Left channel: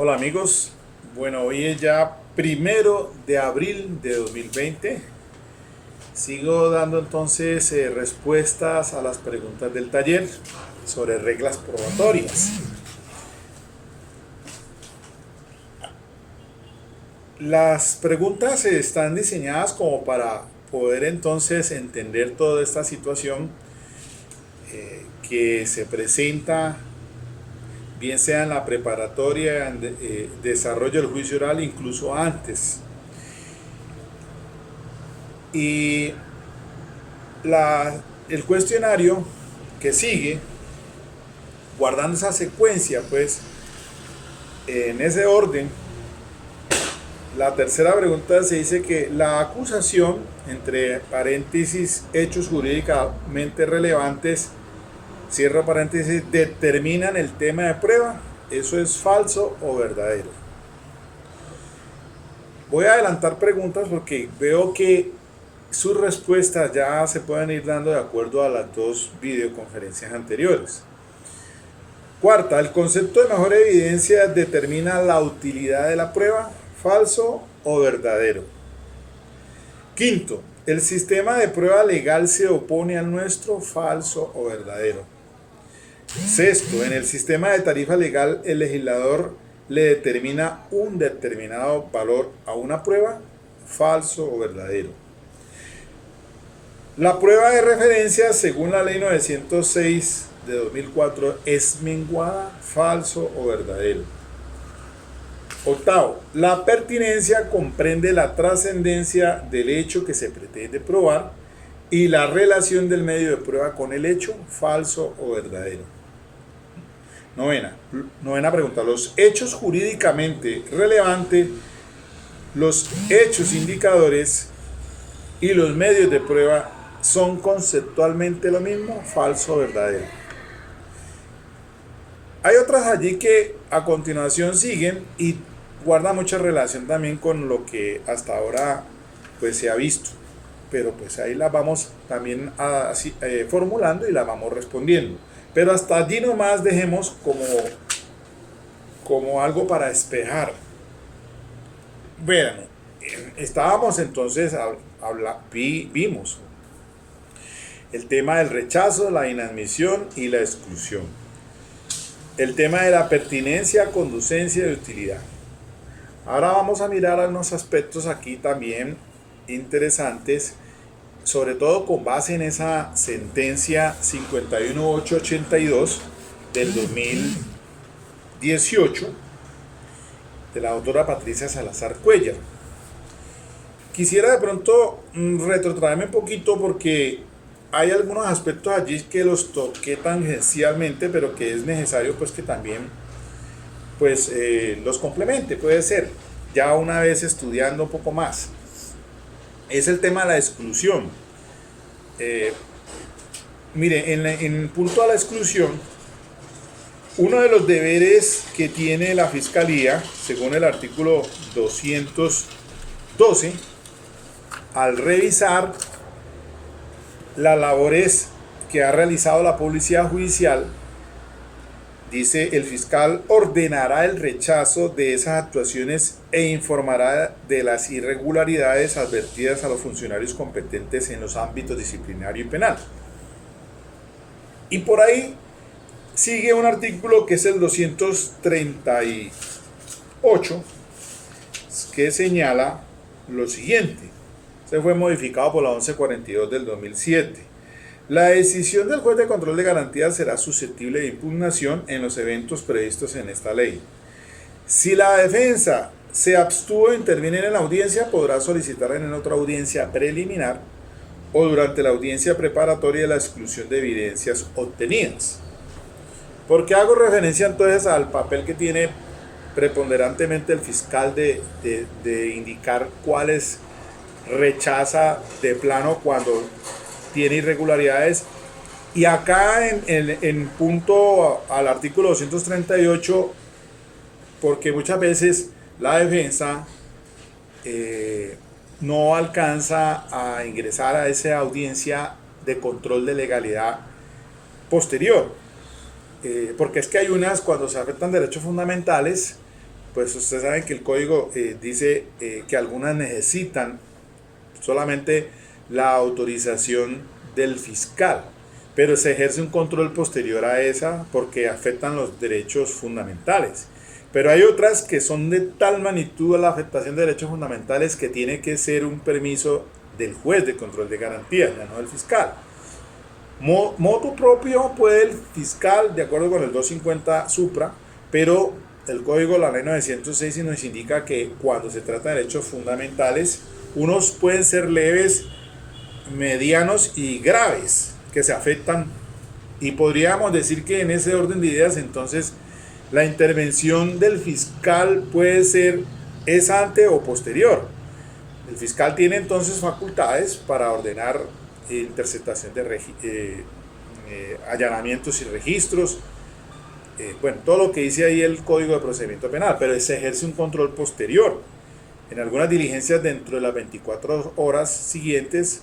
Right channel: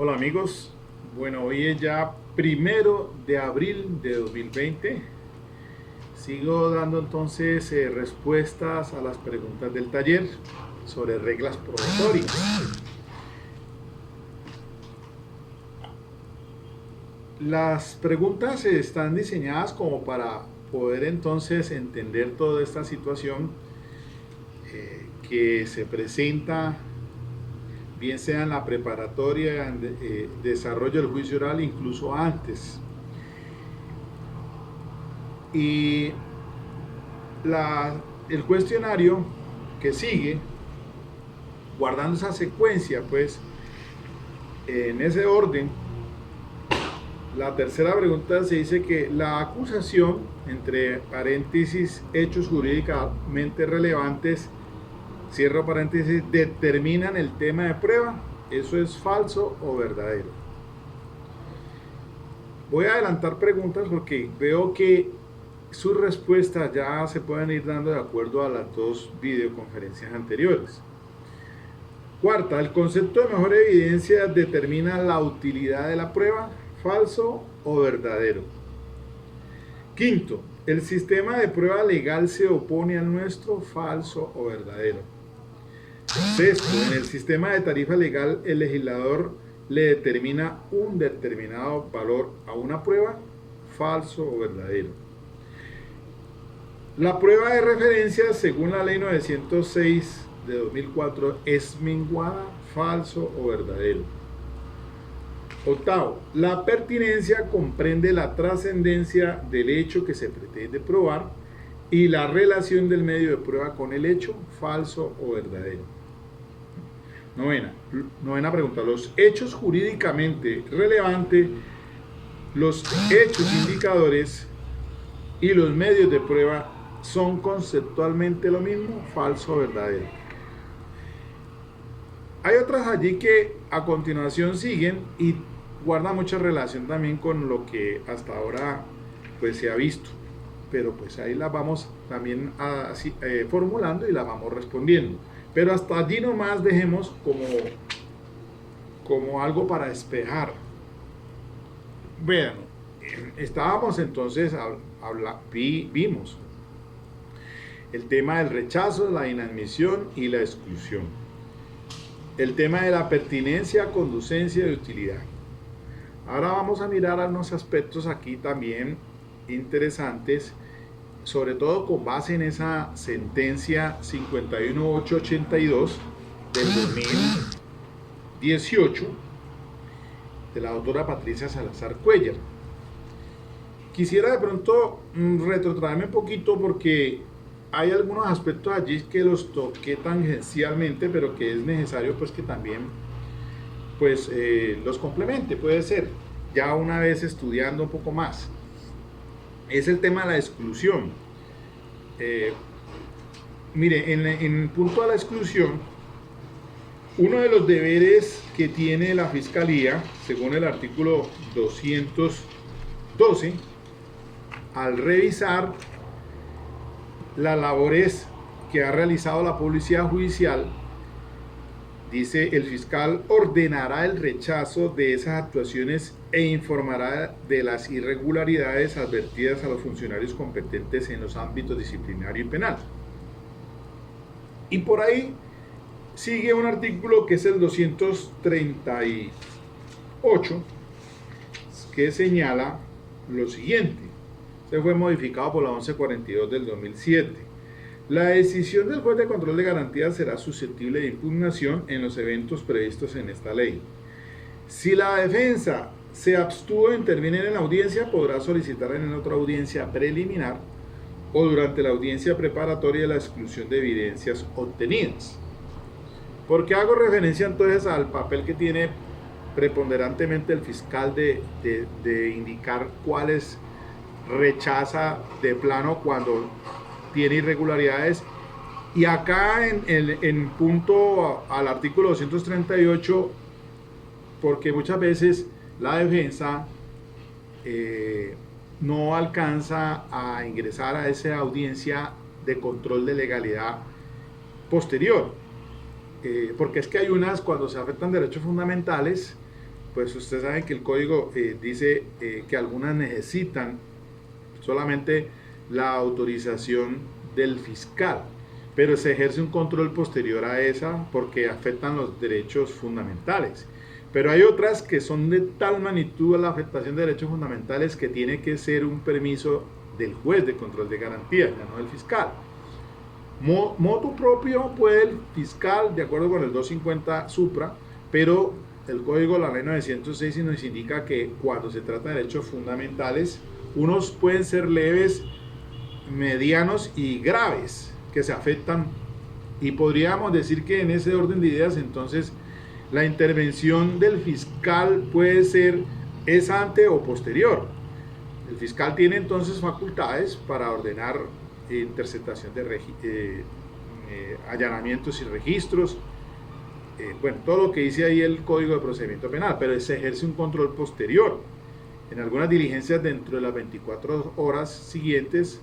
Hola amigos, bueno, hoy es ya 1 de abril de 2020. Sigo dando entonces respuestas a las preguntas del taller sobre reglas probatorias. Las preguntas están diseñadas como para poder entonces entender toda esta situación que se presenta, bien sea en la preparatoria, en desarrollo del juicio oral, incluso antes. Y el cuestionario que sigue, guardando esa secuencia, pues, en ese orden, la tercera pregunta se dice que la acusación, entre paréntesis, hechos jurídicamente relevantes, cierro paréntesis, determinan el tema de prueba. ¿Eso es falso o verdadero? Voy a adelantar preguntas porque veo que sus respuestas ya se pueden ir dando de acuerdo a las dos videoconferencias anteriores. Cuarta, el concepto de mejor evidencia determina la utilidad de la prueba, falso o verdadero. Quinto, el sistema de prueba legal se opone al nuestro, falso o verdadero. Sexto, en el sistema de tarifa legal el legislador le determina un determinado valor a una prueba, falso o verdadero. La prueba de referencia, según la ley 906 de 2004, es menguada, falso o verdadero. Octavo, la pertinencia comprende la trascendencia del hecho que se pretende probar y la relación del medio de prueba con el hecho, falso o verdadero. Novena pregunta, los hechos jurídicamente relevantes, los hechos indicadores y los medios de prueba son conceptualmente lo mismo, falso o verdadero. Hay otras allí que a continuación siguen y guarda mucha relación también con lo que hasta ahora pues se ha visto, pero pues ahí las vamos también formulando y las vamos respondiendo, pero hasta allí nomás dejemos como algo para despejar. Bueno, estábamos entonces vimos el tema del rechazo, la inadmisión y la exclusión, el tema de la pertinencia, conducencia y utilidad. Ahora vamos a mirar algunos aspectos aquí también interesantes, sobre todo con base en esa sentencia 51882 del 2018 de la doctora Patricia Salazar Cuellar. Quisiera de pronto retrotraerme un poquito porque hay algunos aspectos allí que los toqué tangencialmente, pero que es necesario pues que también pues los complemente, puede ser, ya una vez estudiando un poco más. Es el tema de la exclusión. Mire, en punto a la exclusión, uno de los deberes que tiene la Fiscalía, según el artículo 212, al revisar las labores que ha realizado la policía judicial, dice, el fiscal ordenará el rechazo de esas actuaciones e informará de las irregularidades advertidas a los funcionarios competentes en los ámbitos disciplinario y penal. Y por ahí sigue un artículo que es el 238, que señala lo siguiente. Se fue modificado por la 1142 del 2007. La decisión del juez de control de garantías será susceptible de impugnación en los eventos previstos en esta ley. Si la defensa se abstuvo de intervenir en la audiencia, podrá solicitar en otra audiencia preliminar o durante la audiencia preparatoria de la exclusión de evidencias obtenidas. ¿Por qué hago referencia entonces al papel que tiene preponderantemente el fiscal de indicar cuáles rechaza de plano cuando tiene irregularidades? Y acá en punto al artículo 238, porque muchas veces la defensa no alcanza a ingresar a esa audiencia de control de legalidad posterior, porque es que hay unas, cuando se afectan derechos fundamentales, pues ustedes saben que el código dice que algunas necesitan solamente la autorización del fiscal, pero se ejerce un control posterior a esa porque afectan los derechos fundamentales. Pero hay otras que son de tal magnitud la afectación de derechos fundamentales que tiene que ser un permiso del juez de control de garantías, ya no del fiscal. Motu propio puede el fiscal, de acuerdo con el 250 Supra, pero el código de la ley 906 nos indica que cuando se trata de derechos fundamentales, unos pueden ser leves, medianos y graves, que se afectan, y podríamos decir que en ese orden de ideas, entonces, la intervención del fiscal puede ser es ante o posterior. El fiscal tiene entonces facultades para ordenar interceptación de allanamientos y registros, bueno, todo lo que dice ahí el Código de Procedimiento Penal, pero se ejerce un control posterior. En algunas diligencias dentro de las 24 horas siguientes,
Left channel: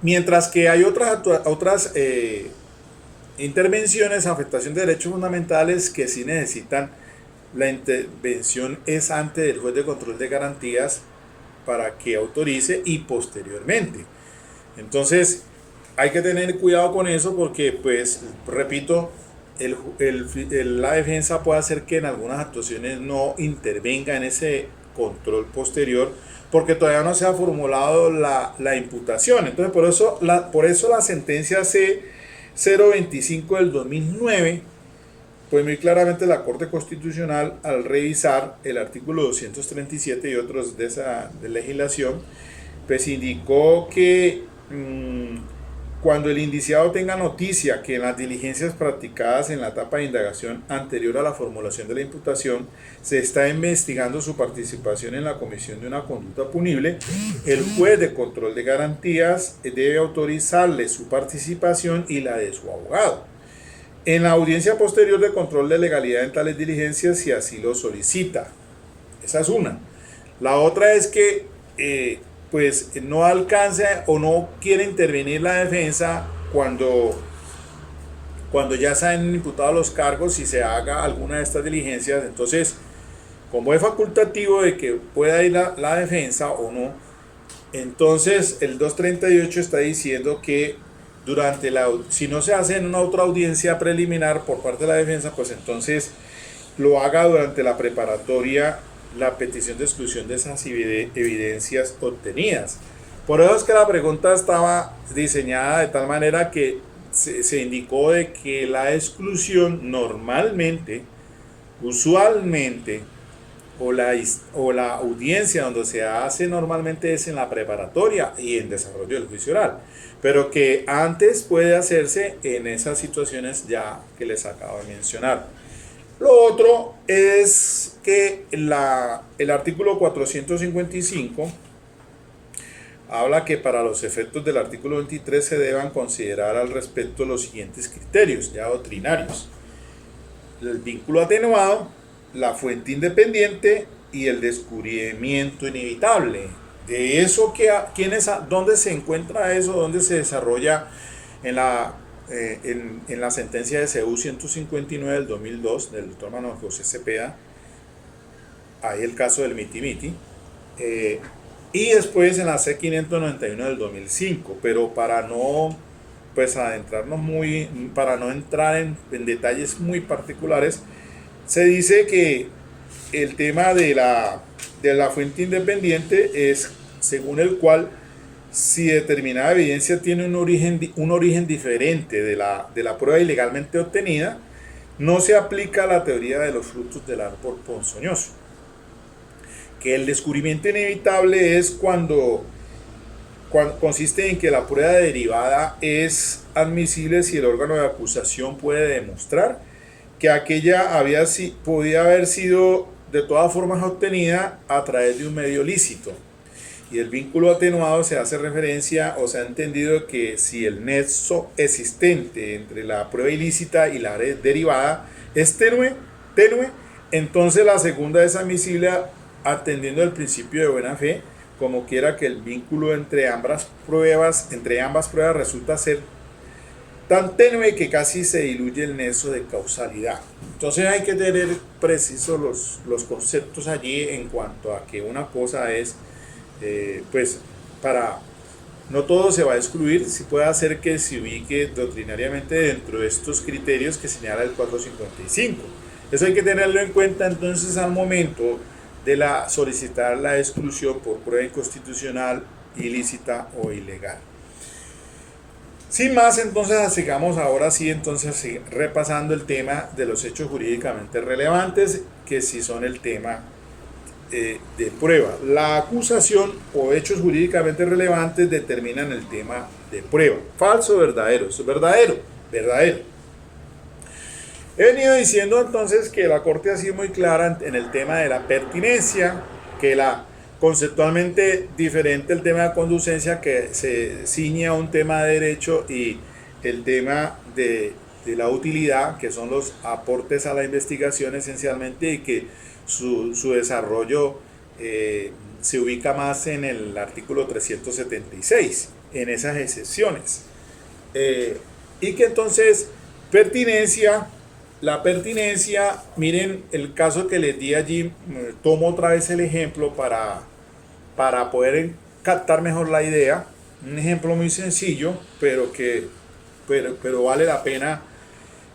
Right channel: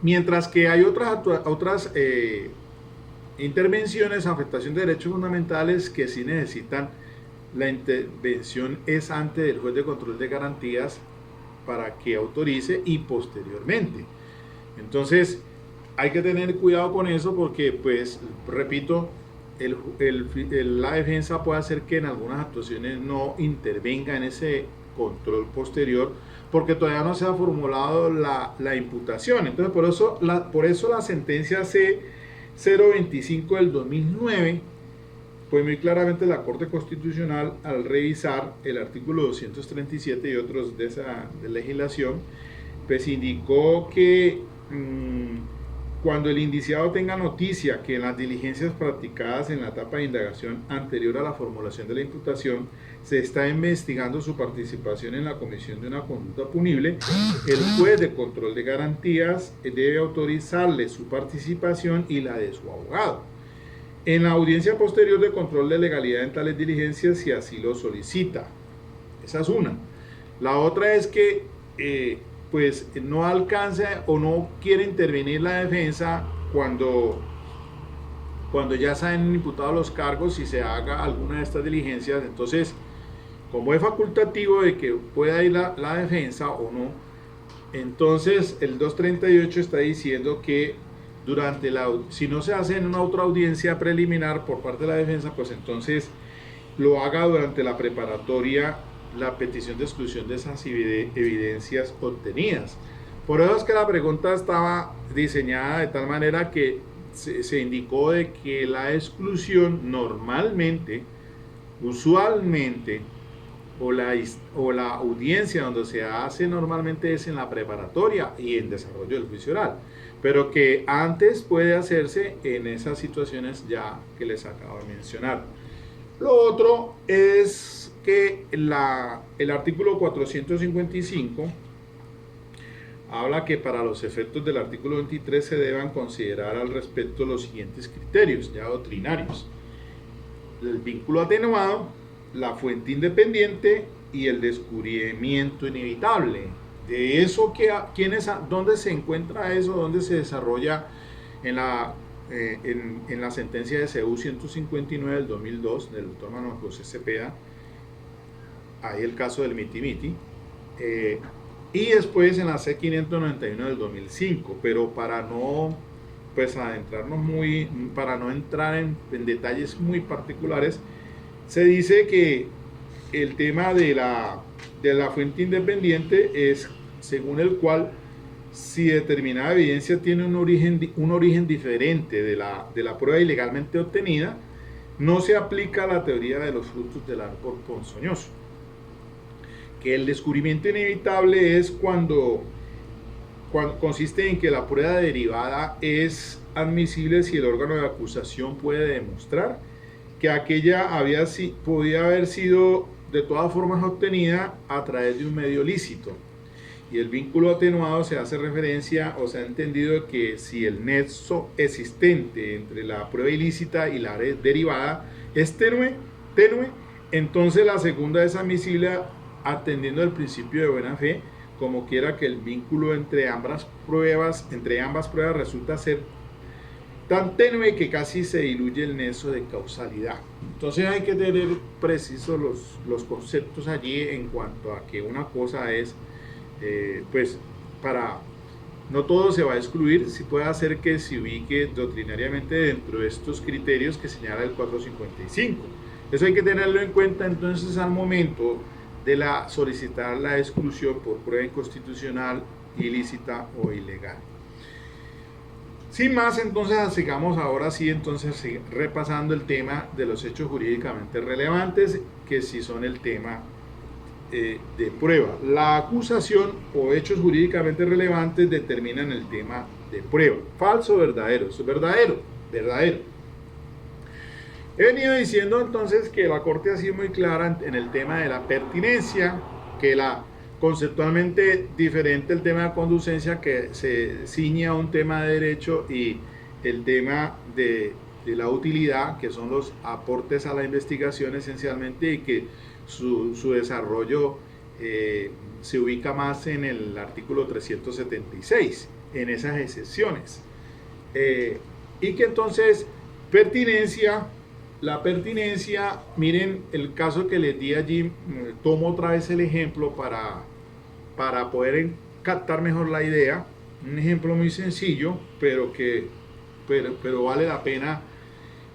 mientras que hay otras intervenciones, afectación de derechos fundamentales que sí necesitan la intervención es ante del juez de control de garantías para que autorice y posteriormente. Entonces hay que tener cuidado con eso porque, pues, repito, la defensa puede hacer que en algunas actuaciones no intervenga en ese control posterior porque todavía no se ha formulado la imputación. Entonces por eso la sentencia C025 del 2009, pues muy claramente la Corte Constitucional, al revisar el artículo 237 y otros de esa legislación, pues indicó que cuando el indiciado tenga noticia que en las diligencias practicadas en la etapa de indagación anterior a la formulación de la imputación se está investigando su participación en la comisión de una conducta punible, el juez de control de garantías debe autorizarle su participación y la de su abogado en la audiencia posterior de control de legalidad en tales diligencias si así lo solicita. Esa es una. La otra es que pues no alcanza o no quiere intervenir la defensa cuando ya se han imputado los cargos y se haga alguna de estas diligencias. Entonces, como es facultativo de que pueda ir la defensa o no, entonces el 238 está diciendo que si no se hace en una otra audiencia preliminar por parte de la defensa, pues entonces lo haga durante la preparatoria, la petición de exclusión de esas evidencias obtenidas. Por eso es que la pregunta estaba diseñada de tal manera que se indicó de que la exclusión normalmente, usualmente, o la audiencia donde se hace normalmente es en la preparatoria y en desarrollo del juicio oral, pero que antes puede hacerse en esas situaciones ya que les acabo de mencionar. Lo otro es que el artículo 455 habla que para los efectos del artículo 23 se deban considerar al respecto los siguientes criterios ya doctrinarios: el vínculo atenuado, la fuente independiente y el descubrimiento inevitable. De eso, ¿dónde se encuentra eso? ¿Dónde se desarrolla? En la sentencia de CU 159 del 2002 del doctor Manuel José Cepeda, ahí el caso del miti-miti, y después en la C591 del 2005, pero para no adentrarnos para no entrar en detalles muy particulares, se dice que el tema de la fuente independiente es según el cual si determinada evidencia tiene un origen diferente de la prueba ilegalmente obtenida, no se aplica la teoría de los frutos del árbol ponzoñoso. Que el descubrimiento inevitable es cuando consiste en que la prueba derivada es admisible si el órgano de acusación puede demostrar que aquella podía haber sido de todas formas obtenida a través de un medio lícito. Y el vínculo atenuado se hace referencia o se ha entendido que si el nexo existente entre la prueba ilícita y la derivada es tenue, entonces la segunda es admisible atendiendo el principio de buena fe, como quiera que el vínculo entre ambas pruebas resulta ser tan tenue que casi se diluye el nexo de causalidad. Entonces hay que tener precisos los conceptos allí en cuanto a que una cosa es, pues, para... No todo se va a excluir, sí puede hacer que se ubique doctrinariamente dentro de estos criterios que señala el 455. Eso hay que tenerlo en cuenta entonces al momento de solicitar la exclusión por prueba inconstitucional, ilícita o ilegal. Sin más, entonces sigamos ahora sí, entonces repasando el tema de los hechos jurídicamente relevantes, que sí son el tema de prueba. La acusación o hechos jurídicamente relevantes determinan el tema de prueba. Falso o verdadero. Eso es verdadero. Verdadero. He venido diciendo entonces que la Corte ha sido muy clara en el tema de la pertinencia, que conceptualmente diferente el tema de conducencia, que se ciñe a un tema de derecho, y el tema de la utilidad, que son los aportes a la investigación esencialmente, y que su desarrollo se ubica más en el artículo 376, en esas excepciones. Y que entonces, la pertinencia, miren el caso que les di allí, tomo otra vez el ejemplo para poder captar mejor la idea. Un ejemplo muy sencillo, pero vale la pena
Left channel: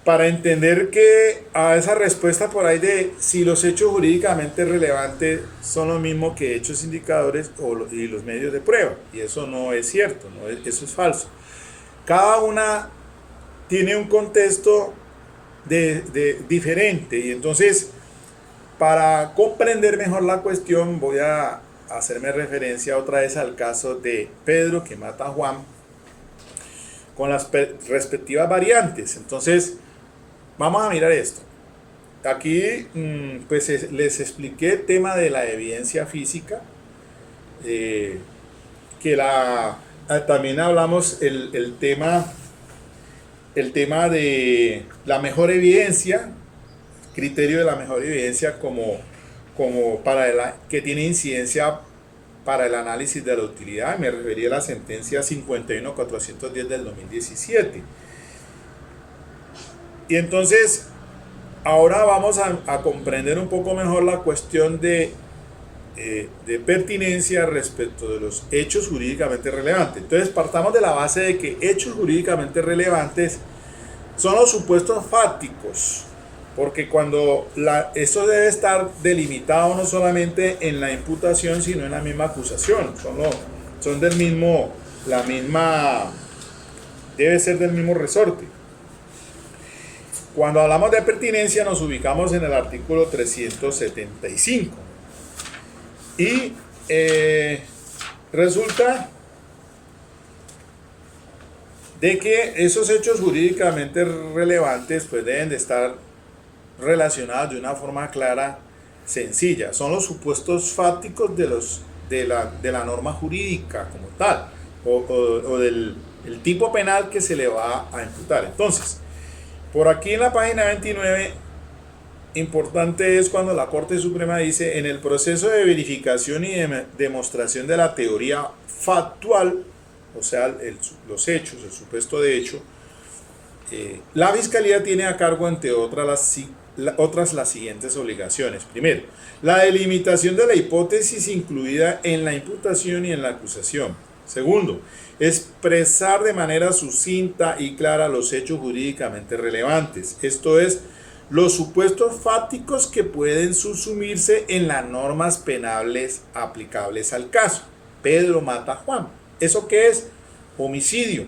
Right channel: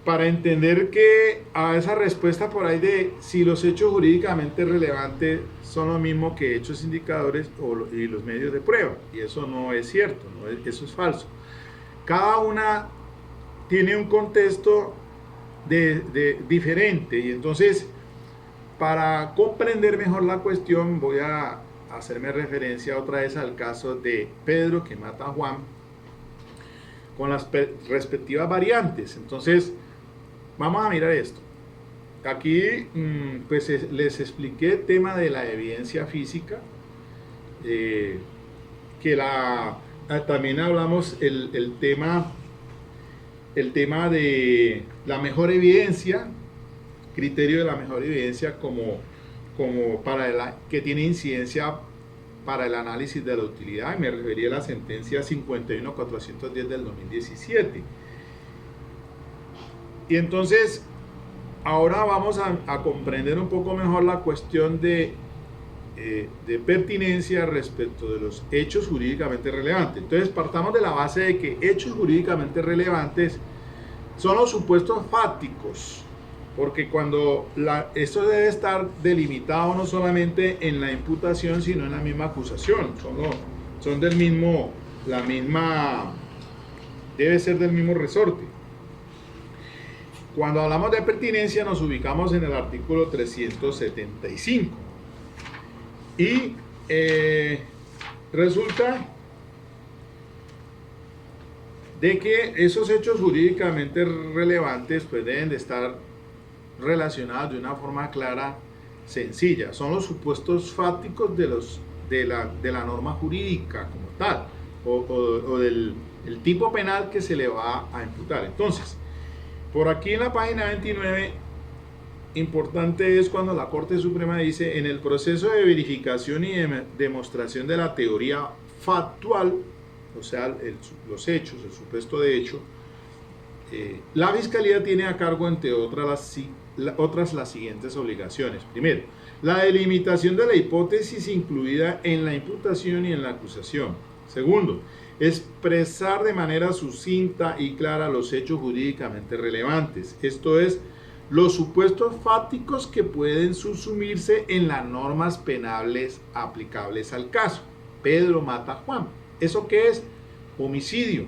para entender que a esa respuesta por ahí de si los hechos jurídicamente relevantes son lo mismo que hechos indicadores y los medios de prueba. Y eso no es cierto, eso es falso. Cada una tiene un contexto diferente, y entonces para comprender mejor la cuestión voy a hacerme referencia otra vez al caso de Pedro que mata a Juan con las respectivas variantes. Entonces vamos a mirar esto. Aquí pues les expliqué el tema de la evidencia física, que también hablamos el tema de la mejor evidencia, criterio de la mejor evidencia como que tiene incidencia para el análisis de la utilidad. Me refería a la sentencia 51.410 del 2017. Y entonces ahora vamos a comprender un poco mejor la cuestión de pertinencia respecto de los hechos jurídicamente relevantes. Entonces partamos de la base de que hechos jurídicamente relevantes son los supuestos fácticos, porque esto debe estar delimitado no solamente en la imputación, sino en la misma acusación. Son del mismo, debe ser del mismo resorte. Cuando hablamos de pertinencia nos ubicamos en el artículo 375. Y resulta de que esos hechos jurídicamente relevantes pues deben de estar relacionados de una forma clara, sencilla. Son los supuestos fácticos de la norma jurídica como tal, o del el tipo penal que se le va a imputar. Entonces, por aquí en la página 29, importante es cuando la Corte Suprema dice: en el proceso de verificación y de demostración de la teoría factual, o sea, los hechos, el supuesto de hecho, la Fiscalía tiene a cargo, entre otras las siguientes obligaciones. Primero, la delimitación de la hipótesis incluida en la imputación y en la acusación. Segundo, expresar de manera sucinta y clara los hechos jurídicamente relevantes, esto es, los supuestos fácticos que pueden subsumirse en las normas penales aplicables al caso. Pedro mata a Juan. ¿Eso qué es? Homicidio.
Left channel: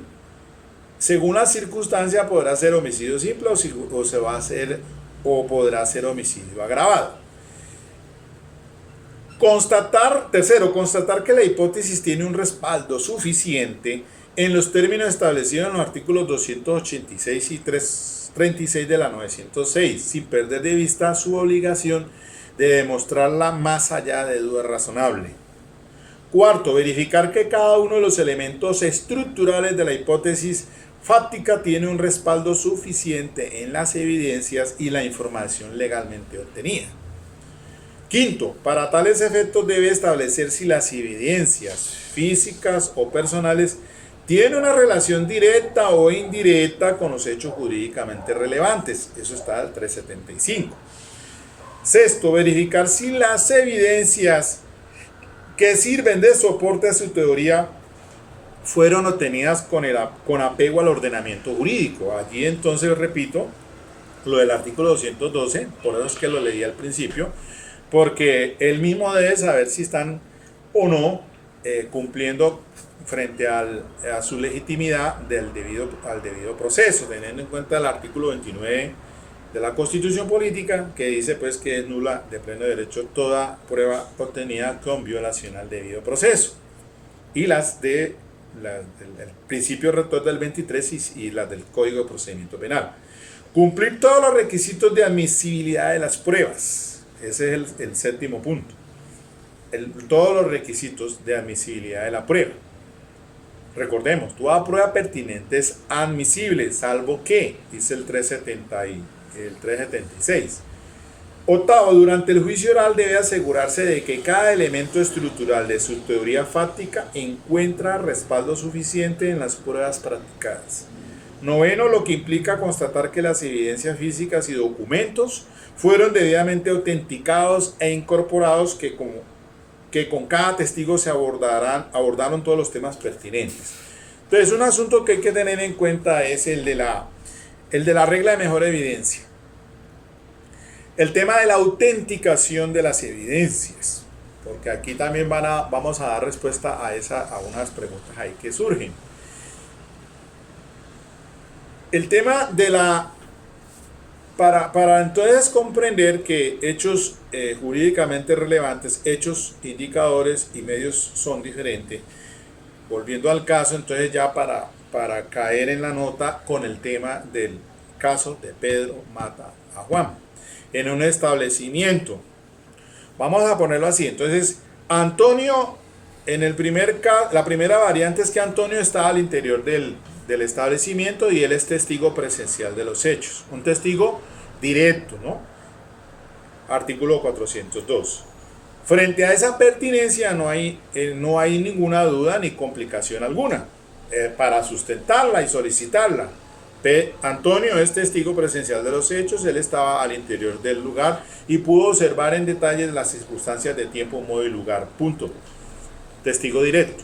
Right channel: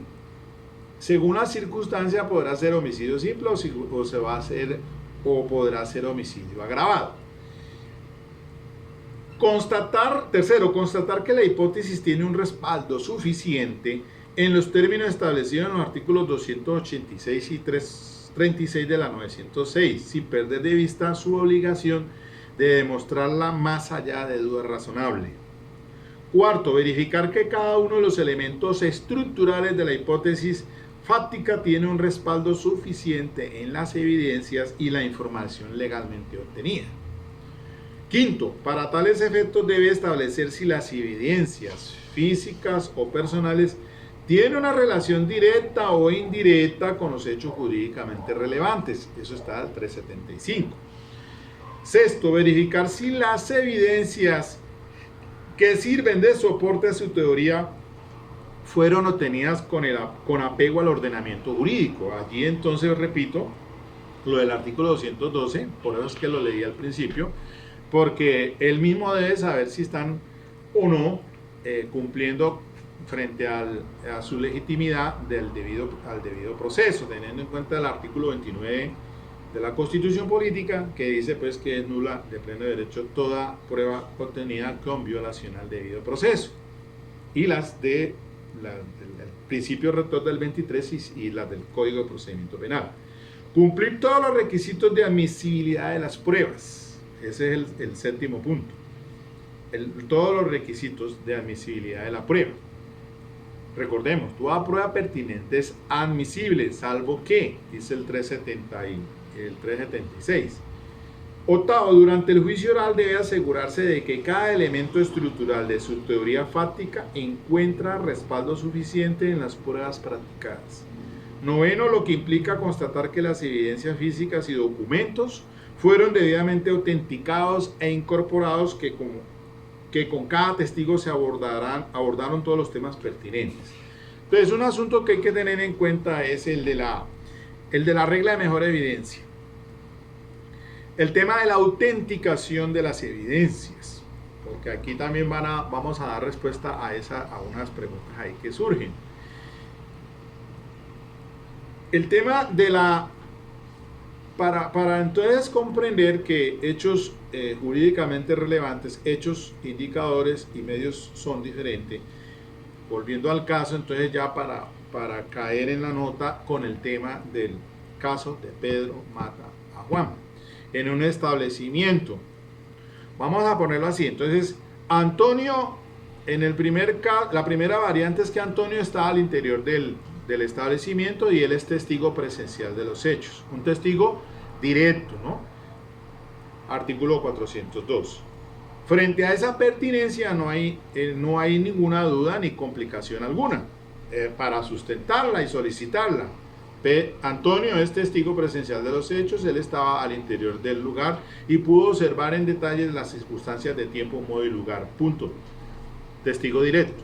Según la circunstancia podrá ser homicidio simple o podrá ser homicidio agravado. Tercero, constatar que la hipótesis tiene un respaldo suficiente en los términos establecidos en los artículos 286 y 336 de la 906, sin perder de vista su obligación de demostrarla más allá de duda razonable. Cuarto, verificar que cada uno de los elementos estructurales de la hipótesis fáctica tiene un respaldo suficiente en las evidencias y la información legalmente obtenida. Quinto, para tales efectos debe establecer si las evidencias físicas o personales tiene una relación directa o indirecta con los hechos jurídicamente relevantes. Eso está al 375. Sexto, verificar si las evidencias que sirven de soporte a su teoría fueron obtenidas con apego al ordenamiento jurídico. Allí entonces repito lo del artículo 212, por eso es que lo leí al principio, porque él mismo debe saber si están o no cumpliendo frente a su legitimidad al debido proceso, teniendo en cuenta el artículo 29 de la Constitución Política, que dice pues que es nula de pleno derecho toda prueba obtenida con violación al debido proceso, y las del principio rector del 23 y las del Código de Procedimiento Penal. Cumplir todos los requisitos de admisibilidad de las pruebas. Ese es el séptimo punto. Todos los requisitos de admisibilidad de la prueba. Recordemos, toda prueba pertinente es admisible, salvo que, dice el 376. Octavo, durante el juicio oral debe asegurarse de que cada elemento estructural de su teoría fáctica encuentra respaldo suficiente en las pruebas practicadas. Noveno, lo que implica constatar que las evidencias físicas y documentos fueron debidamente autenticados e incorporados, que con cada testigo se abordaron todos los temas pertinentes. Entonces, un asunto que hay que tener en cuenta es el de la regla de mejor evidencia. El tema de la autenticación de las evidencias, porque aquí también vamos a dar respuesta a unas preguntas ahí que surgen. El tema de para entonces comprender que hechos jurídicamente relevantes, hechos, indicadores y medios son diferentes, volviendo al caso, entonces ya para caer en la nota con el tema del caso de Pedro mata a Juan en un establecimiento. Vamos a ponerlo así. Entonces, Antonio, la primera variante es que Antonio está al interior del establecimiento y él es testigo presencial de los hechos. Un testigo directo, ¿no? Artículo 402. Frente a esa pertinencia no hay ninguna duda ni complicación alguna para sustentarla y solicitarla. Antonio es testigo presencial de los hechos, él estaba al interior del lugar y pudo observar en detalle las circunstancias de tiempo, modo y lugar. Punto. Testigo directo.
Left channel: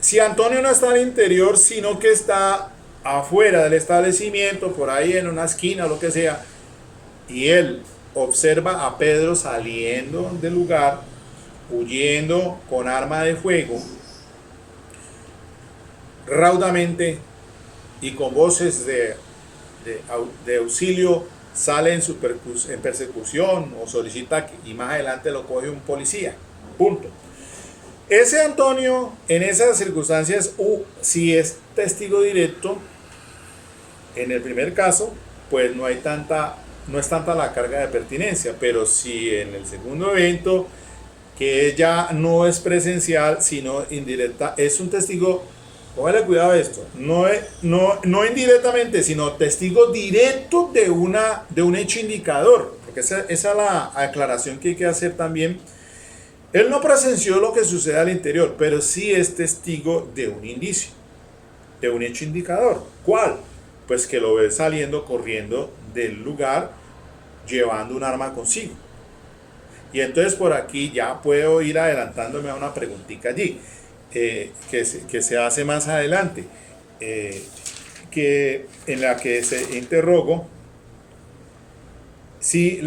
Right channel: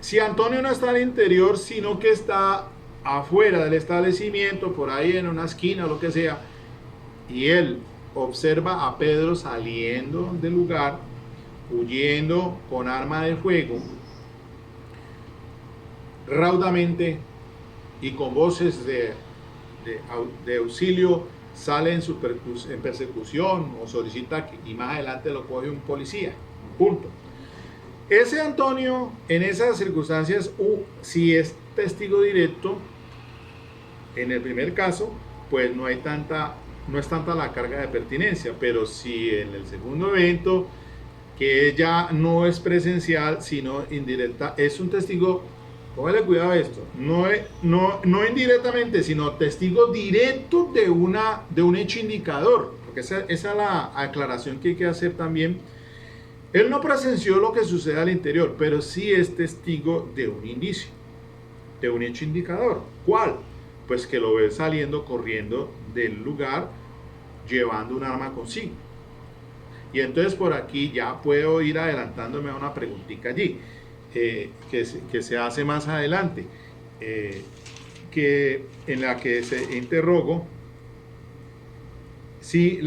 Si Antonio no está al interior, sino que está afuera del establecimiento, por ahí en una esquina o lo que sea, y él observa a Pedro saliendo del lugar, huyendo con arma de fuego, raudamente y con voces de auxilio, sale en persecución o solicita y más adelante lo coge un policía. Punto. Ese Antonio, en esas circunstancias, si es testigo directo, en el primer caso, pues no es tanta la carga de pertinencia, pero si en el segundo evento, que ya no es presencial, sino indirecta, es un testigo, póngale cuidado a esto, no indirectamente, sino testigo directo de un hecho indicador, porque esa es la aclaración que hay que hacer también. Él no presenció lo que sucede al interior, pero sí es testigo de un indicio, de un hecho indicador. ¿Cuál? Pues que lo ve saliendo corriendo del lugar llevando un arma consigo. Y entonces por aquí ya puedo ir adelantándome a una preguntita allí, que se hace más adelante, que en la que se interrogo si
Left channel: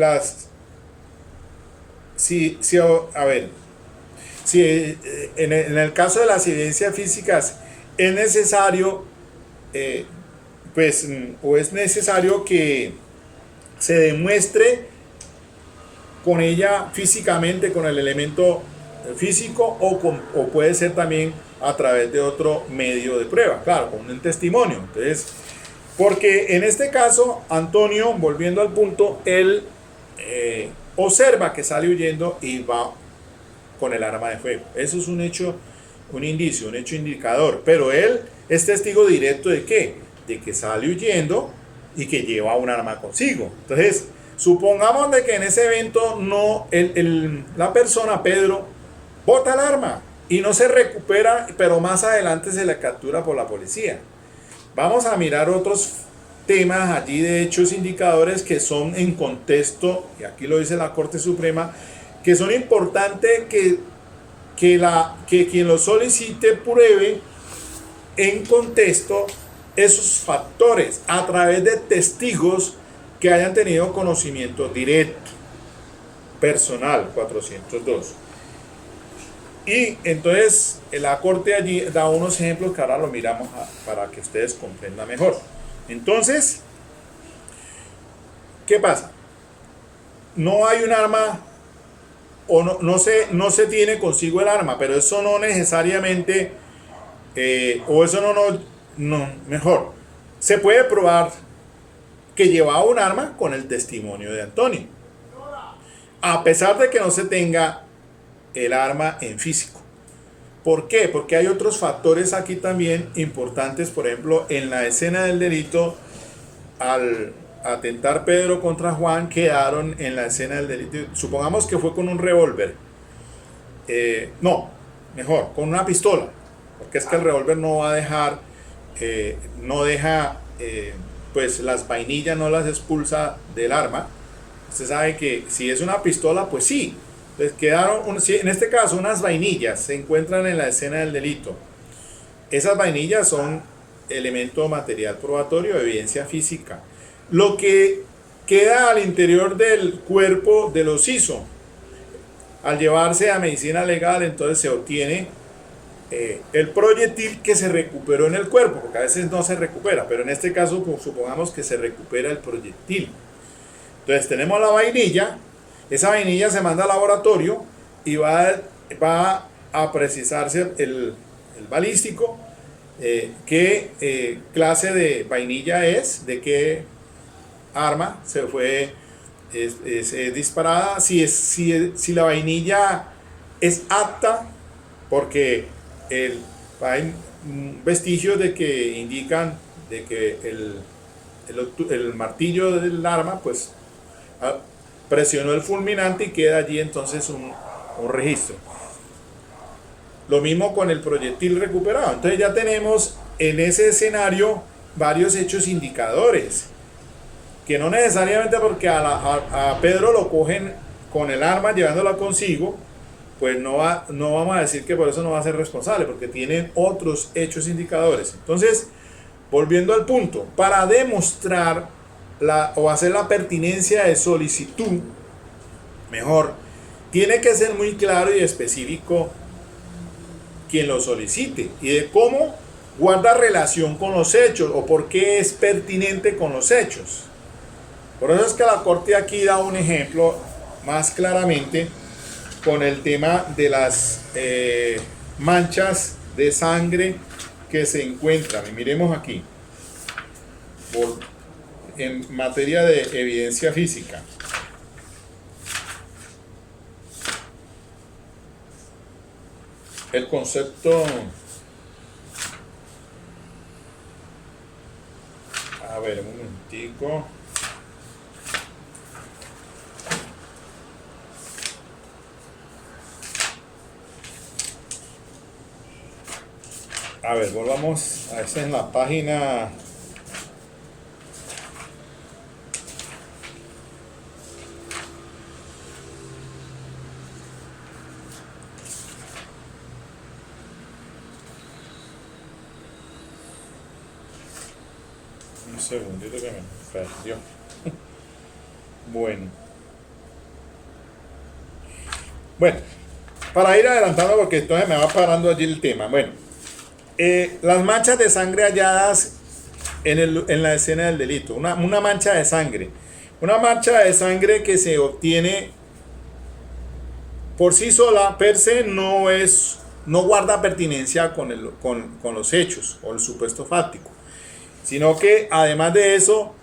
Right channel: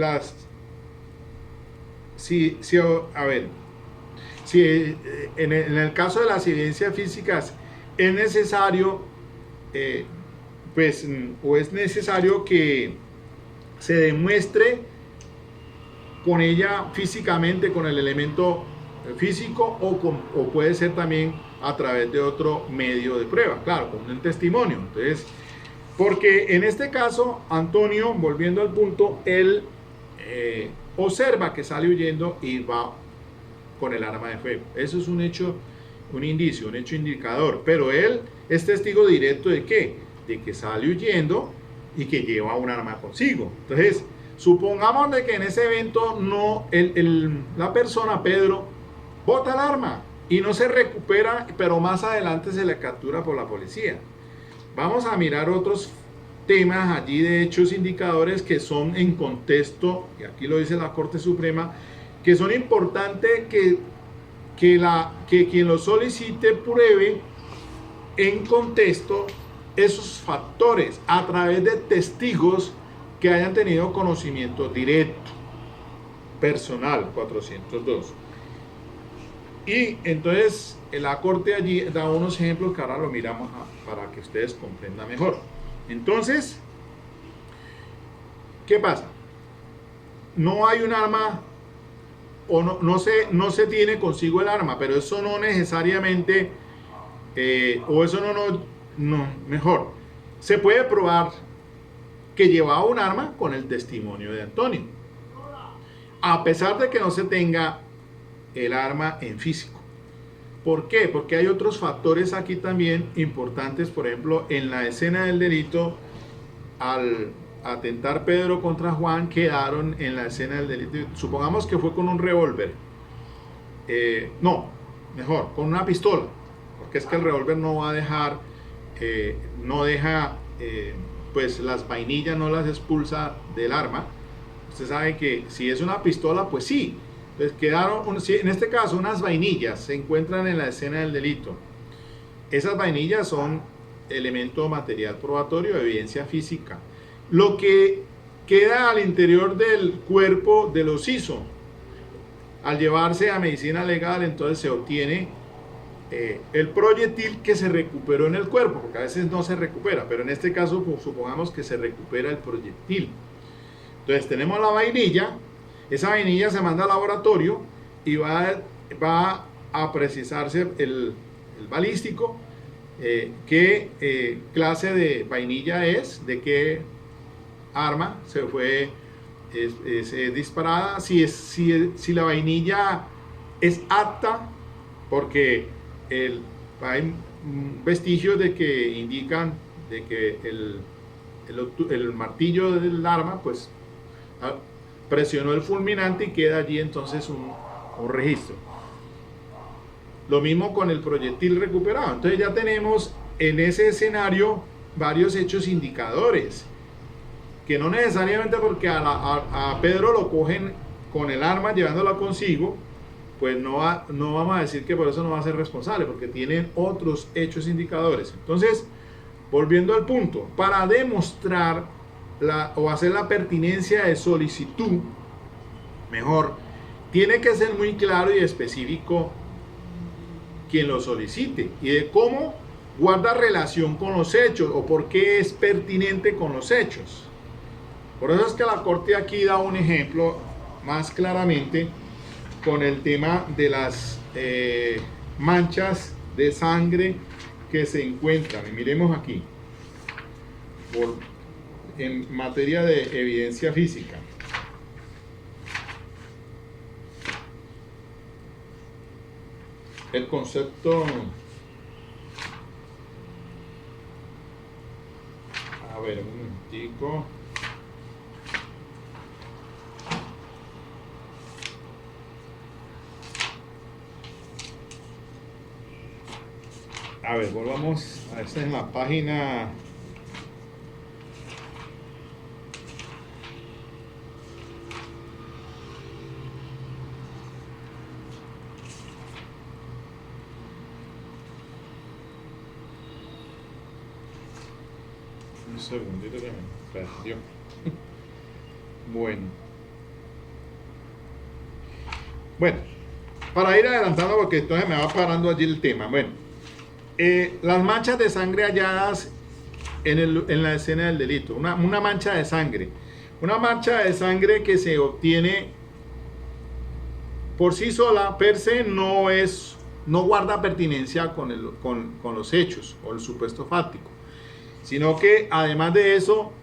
en el caso de las evidencias físicas es necesario, o es necesario que se demuestre con ella físicamente, con el elemento físico, o puede ser también a través de otro medio de prueba, claro, con un testimonio. Entonces, porque en este caso, Antonio, volviendo al punto, él observa que sale huyendo y va con el arma de fuego. Eso es un hecho, un indicio, un hecho indicador. Pero él es testigo directo ¿de qué? De que sale huyendo y que lleva un arma consigo. Entonces, supongamos de que en ese evento la persona, Pedro, bota el arma y no se recupera, pero más adelante se le captura por la policía. Vamos a mirar otros temas allí de hechos indicadores que son en contexto, y aquí lo dice la Corte Suprema, que son importantes que quien lo solicite pruebe en contexto esos factores a través de testigos que hayan tenido conocimiento directo, personal, 402. Y entonces la Corte allí da unos ejemplos que ahora lo miramos para que ustedes comprendan mejor. Entonces, ¿qué pasa? No hay un arma o no se tiene consigo el arma, pero eso no necesariamente, o eso mejor, se puede probar que llevaba un arma con el testimonio de Antonio, a pesar de que no se tenga el arma en físico. ¿Por qué? Porque hay otros factores aquí también importantes. Por ejemplo, en la escena del delito, al atentar Pedro contra Juan, quedaron en la escena del delito, supongamos que fue con un revólver, no, mejor, con una pistola, porque es que el revólver no va a dejar, no deja, pues las vainillas no las expulsa del arma. Usted sabe que si es una pistola, pues sí. Entonces quedaron, en este caso, unas vainillas se encuentran en la escena del delito. Esas vainillas son elemento material probatorio, evidencia física. Lo que queda al interior del cuerpo de los hizo, al llevarse a medicina legal, entonces se obtiene el proyectil que se recuperó en el cuerpo, porque a veces no se recupera, pero en este caso pues, supongamos que se recupera el proyectil. Entonces tenemos la vainilla, esa vainilla se manda al laboratorio y va a precisarse el balístico, qué clase de vainilla es, de qué arma se fue disparada, si la vainilla es apta, porque hay vestigios de que indican de que el martillo del arma pues presionó el fulminante y queda allí entonces un registro. Lo mismo con el proyectil recuperado. Entonces ya tenemos en ese escenario varios hechos indicadores, que no necesariamente porque a Pedro lo cogen con el arma llevándola consigo, pues no vamos a decir que por eso no va a ser responsable, porque tienen otros hechos indicadores. Entonces, volviendo al punto, para demostrar o hacer la pertinencia de solicitud, mejor, tiene que ser muy claro y específico quien lo solicite y de cómo guarda relación con los hechos o por qué es pertinente con los hechos. Por eso es que la Corte aquí da un ejemplo más claramente con el tema de las manchas de sangre que se encuentran. Y miremos aquí, en materia de evidencia física. El concepto, a ver, un momentico. A ver, volvamos a esta en la página. Un segundito que me perdió. Bueno, para ir adelantando, porque entonces me va parando allí el tema. Bueno, las manchas de sangre halladas en la escena del delito. Una mancha de sangre. Una mancha de sangre que se obtiene por sí sola, per se, no guarda pertinencia con los hechos o el supuesto fáctico, sino que además de eso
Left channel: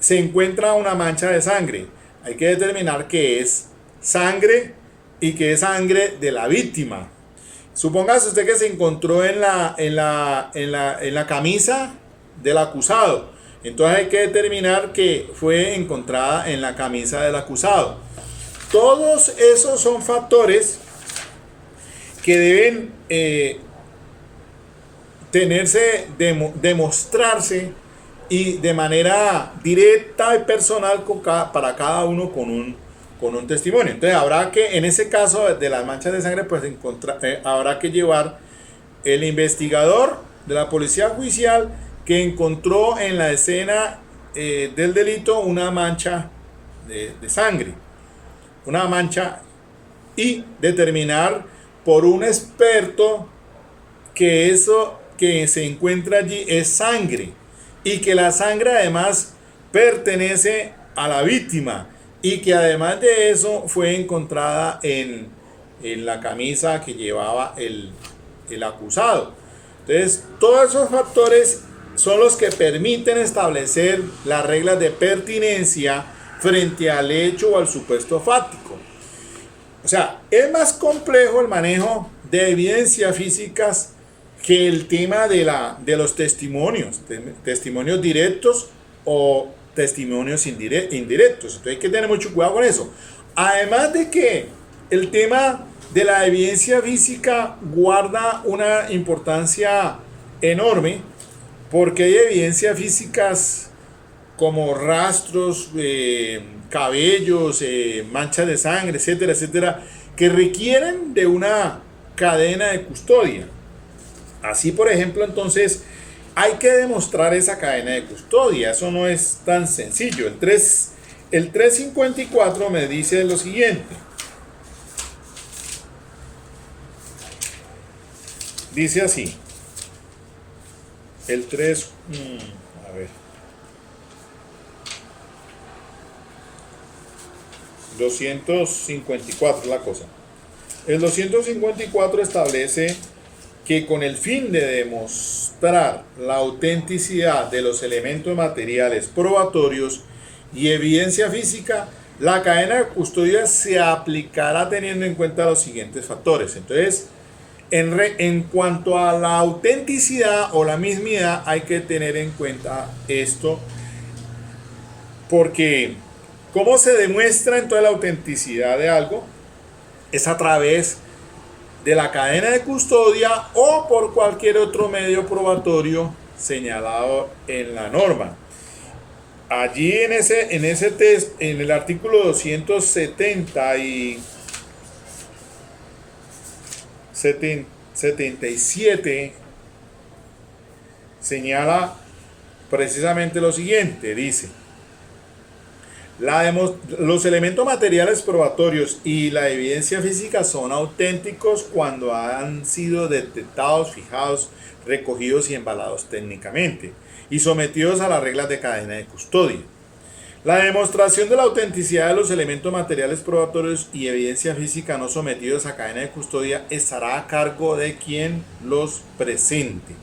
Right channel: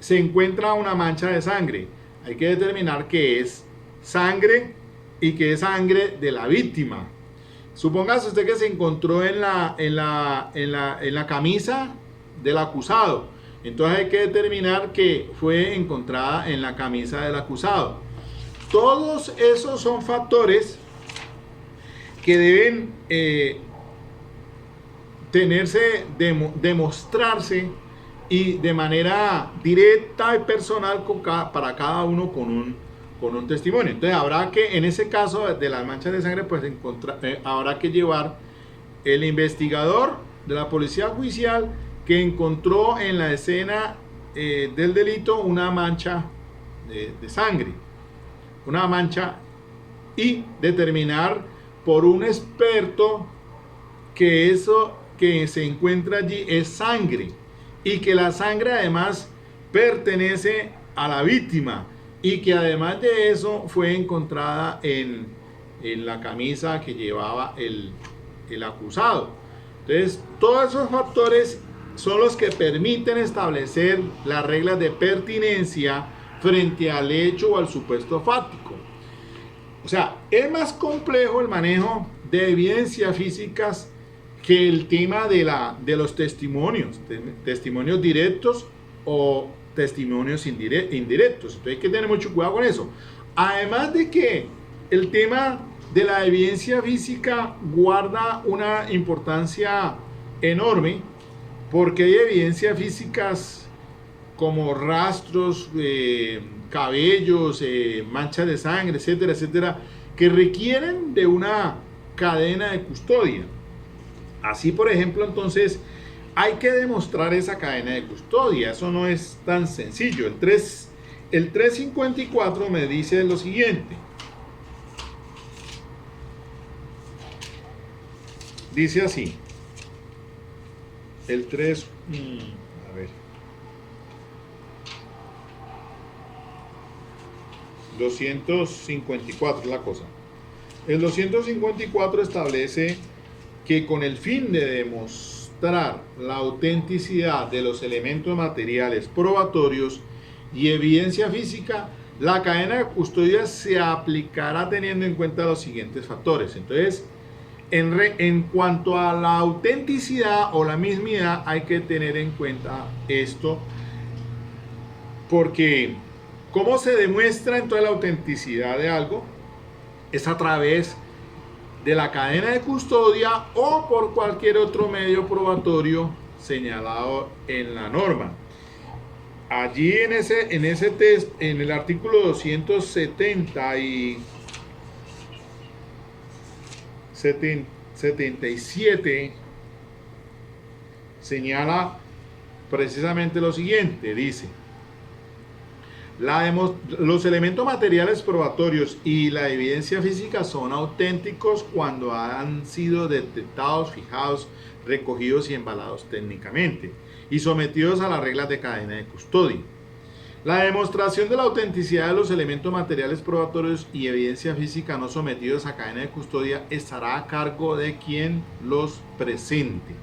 se encuentra una mancha de sangre. Hay que determinar que es sangre y que es sangre de la víctima. Supóngase usted que se encontró en la camisa del acusado. Entonces hay que determinar que fue encontrada en la camisa del acusado. Todos esos son factores que deben demostrarse y de manera directa y personal para cada uno con un testimonio. Entonces habrá que, en ese caso de las manchas de sangre, pues habrá que llevar el investigador de la policía judicial que encontró en la escena del delito una mancha de sangre, una mancha, y determinar por un experto que eso que se encuentra allí es sangre y que la sangre además pertenece a la víctima y que además de eso fue encontrada en la camisa que llevaba el acusado. Entonces, todos esos factores son los que permiten establecer las reglas de pertinencia frente al hecho o al supuesto fáctico. O sea, es más complejo el manejo de evidencias físicas que el tema de los testimonios, testimonios directos o testimonios indirectos. Entonces hay que tener mucho cuidado con eso. Además de que el tema de la evidencia física guarda una importancia enorme, porque hay evidencias físicas como rastros, cabellos, manchas de sangre, etcétera, etcétera, que requieren de una cadena de custodia. Así, por ejemplo, entonces hay que demostrar esa cadena de custodia. Eso no es tan sencillo. El 354 me dice lo siguiente. Dice así. El 3... a ver. 254 la cosa. El 254 establece que con el fin de demostrar la autenticidad de los elementos materiales probatorios y evidencia física, la cadena de custodia se aplicará teniendo en cuenta los siguientes factores. Entonces, en cuanto a la autenticidad o la mismidad, hay que tener en cuenta esto, porque ¿cómo se demuestra entonces la autenticidad de algo? Es a través de la cadena de custodia o por cualquier otro medio probatorio señalado en la norma. Allí en ese test, en el artículo 277 señala precisamente lo siguiente, dice: los elementos materiales probatorios y la evidencia física son auténticos cuando han sido detectados, fijados, recogidos y embalados técnicamente y sometidos a las reglas de cadena de custodia. La demostración de la autenticidad de los elementos materiales probatorios y evidencia física no sometidos a cadena de custodia estará a cargo de quien los presente.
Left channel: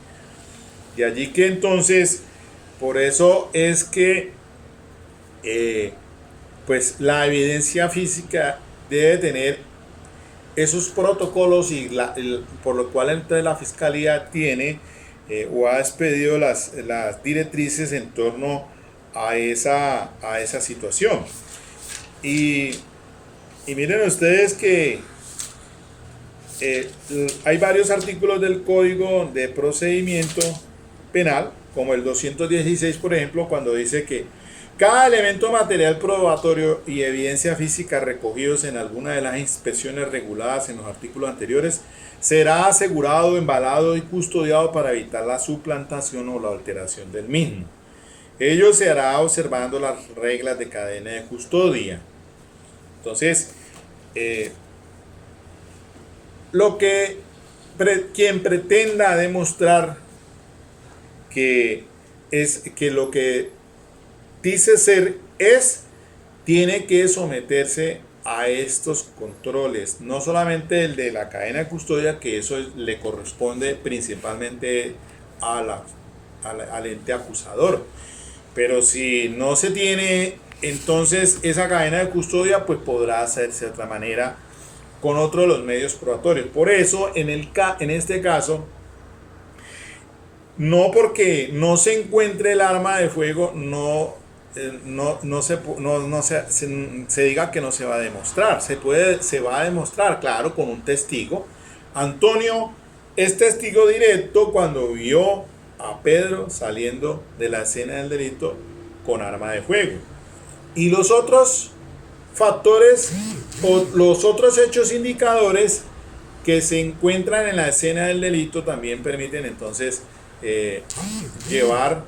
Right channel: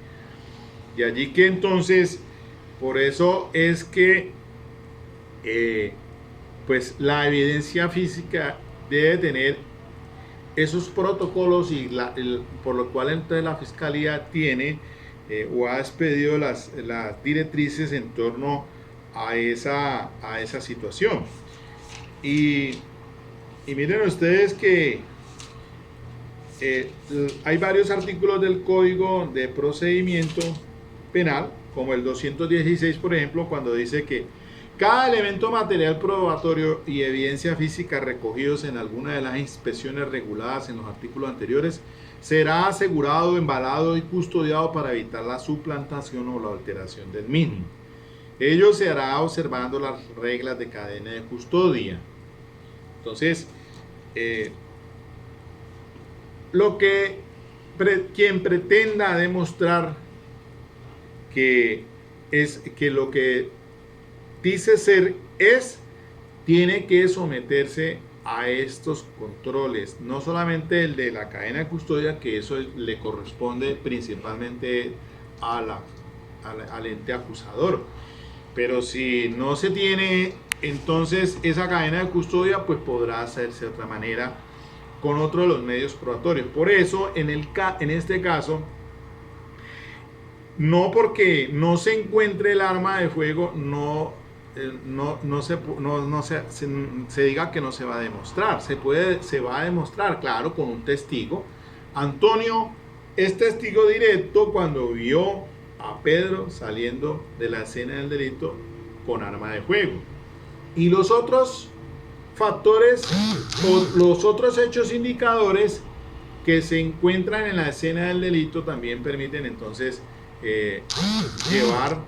De allí que entonces, por eso es que pues la evidencia física debe tener esos protocolos y por lo cual entonces la fiscalía tiene o ha expedido las directrices en torno a esa situación. Y miren ustedes que hay varios artículos del Código de Procedimiento Penal, como el 216, por ejemplo, cuando dice que cada elemento material probatorio y evidencia física recogidos en alguna de las inspecciones reguladas en los artículos anteriores será asegurado, embalado y custodiado para evitar la suplantación o la alteración del mismo. Ello se hará observando las reglas de cadena de custodia. Entonces, quien pretenda demostrar que lo que dice ser tiene que someterse a estos controles, no solamente el de la cadena de custodia, que eso le corresponde principalmente al ente acusador, pero si no se tiene entonces esa cadena de custodia, pues podrá hacerse de otra manera con otro de los medios probatorios. Por eso en este caso, no porque no se encuentre el arma de fuego, se diga que no se va a demostrar. Se va a demostrar, claro, con un testigo, Antonio es testigo directo cuando vio a Pedro saliendo de la escena del delito con arma de fuego. Y los otros factores o los otros hechos indicadores que se encuentran en la escena del delito también permiten entonces llevar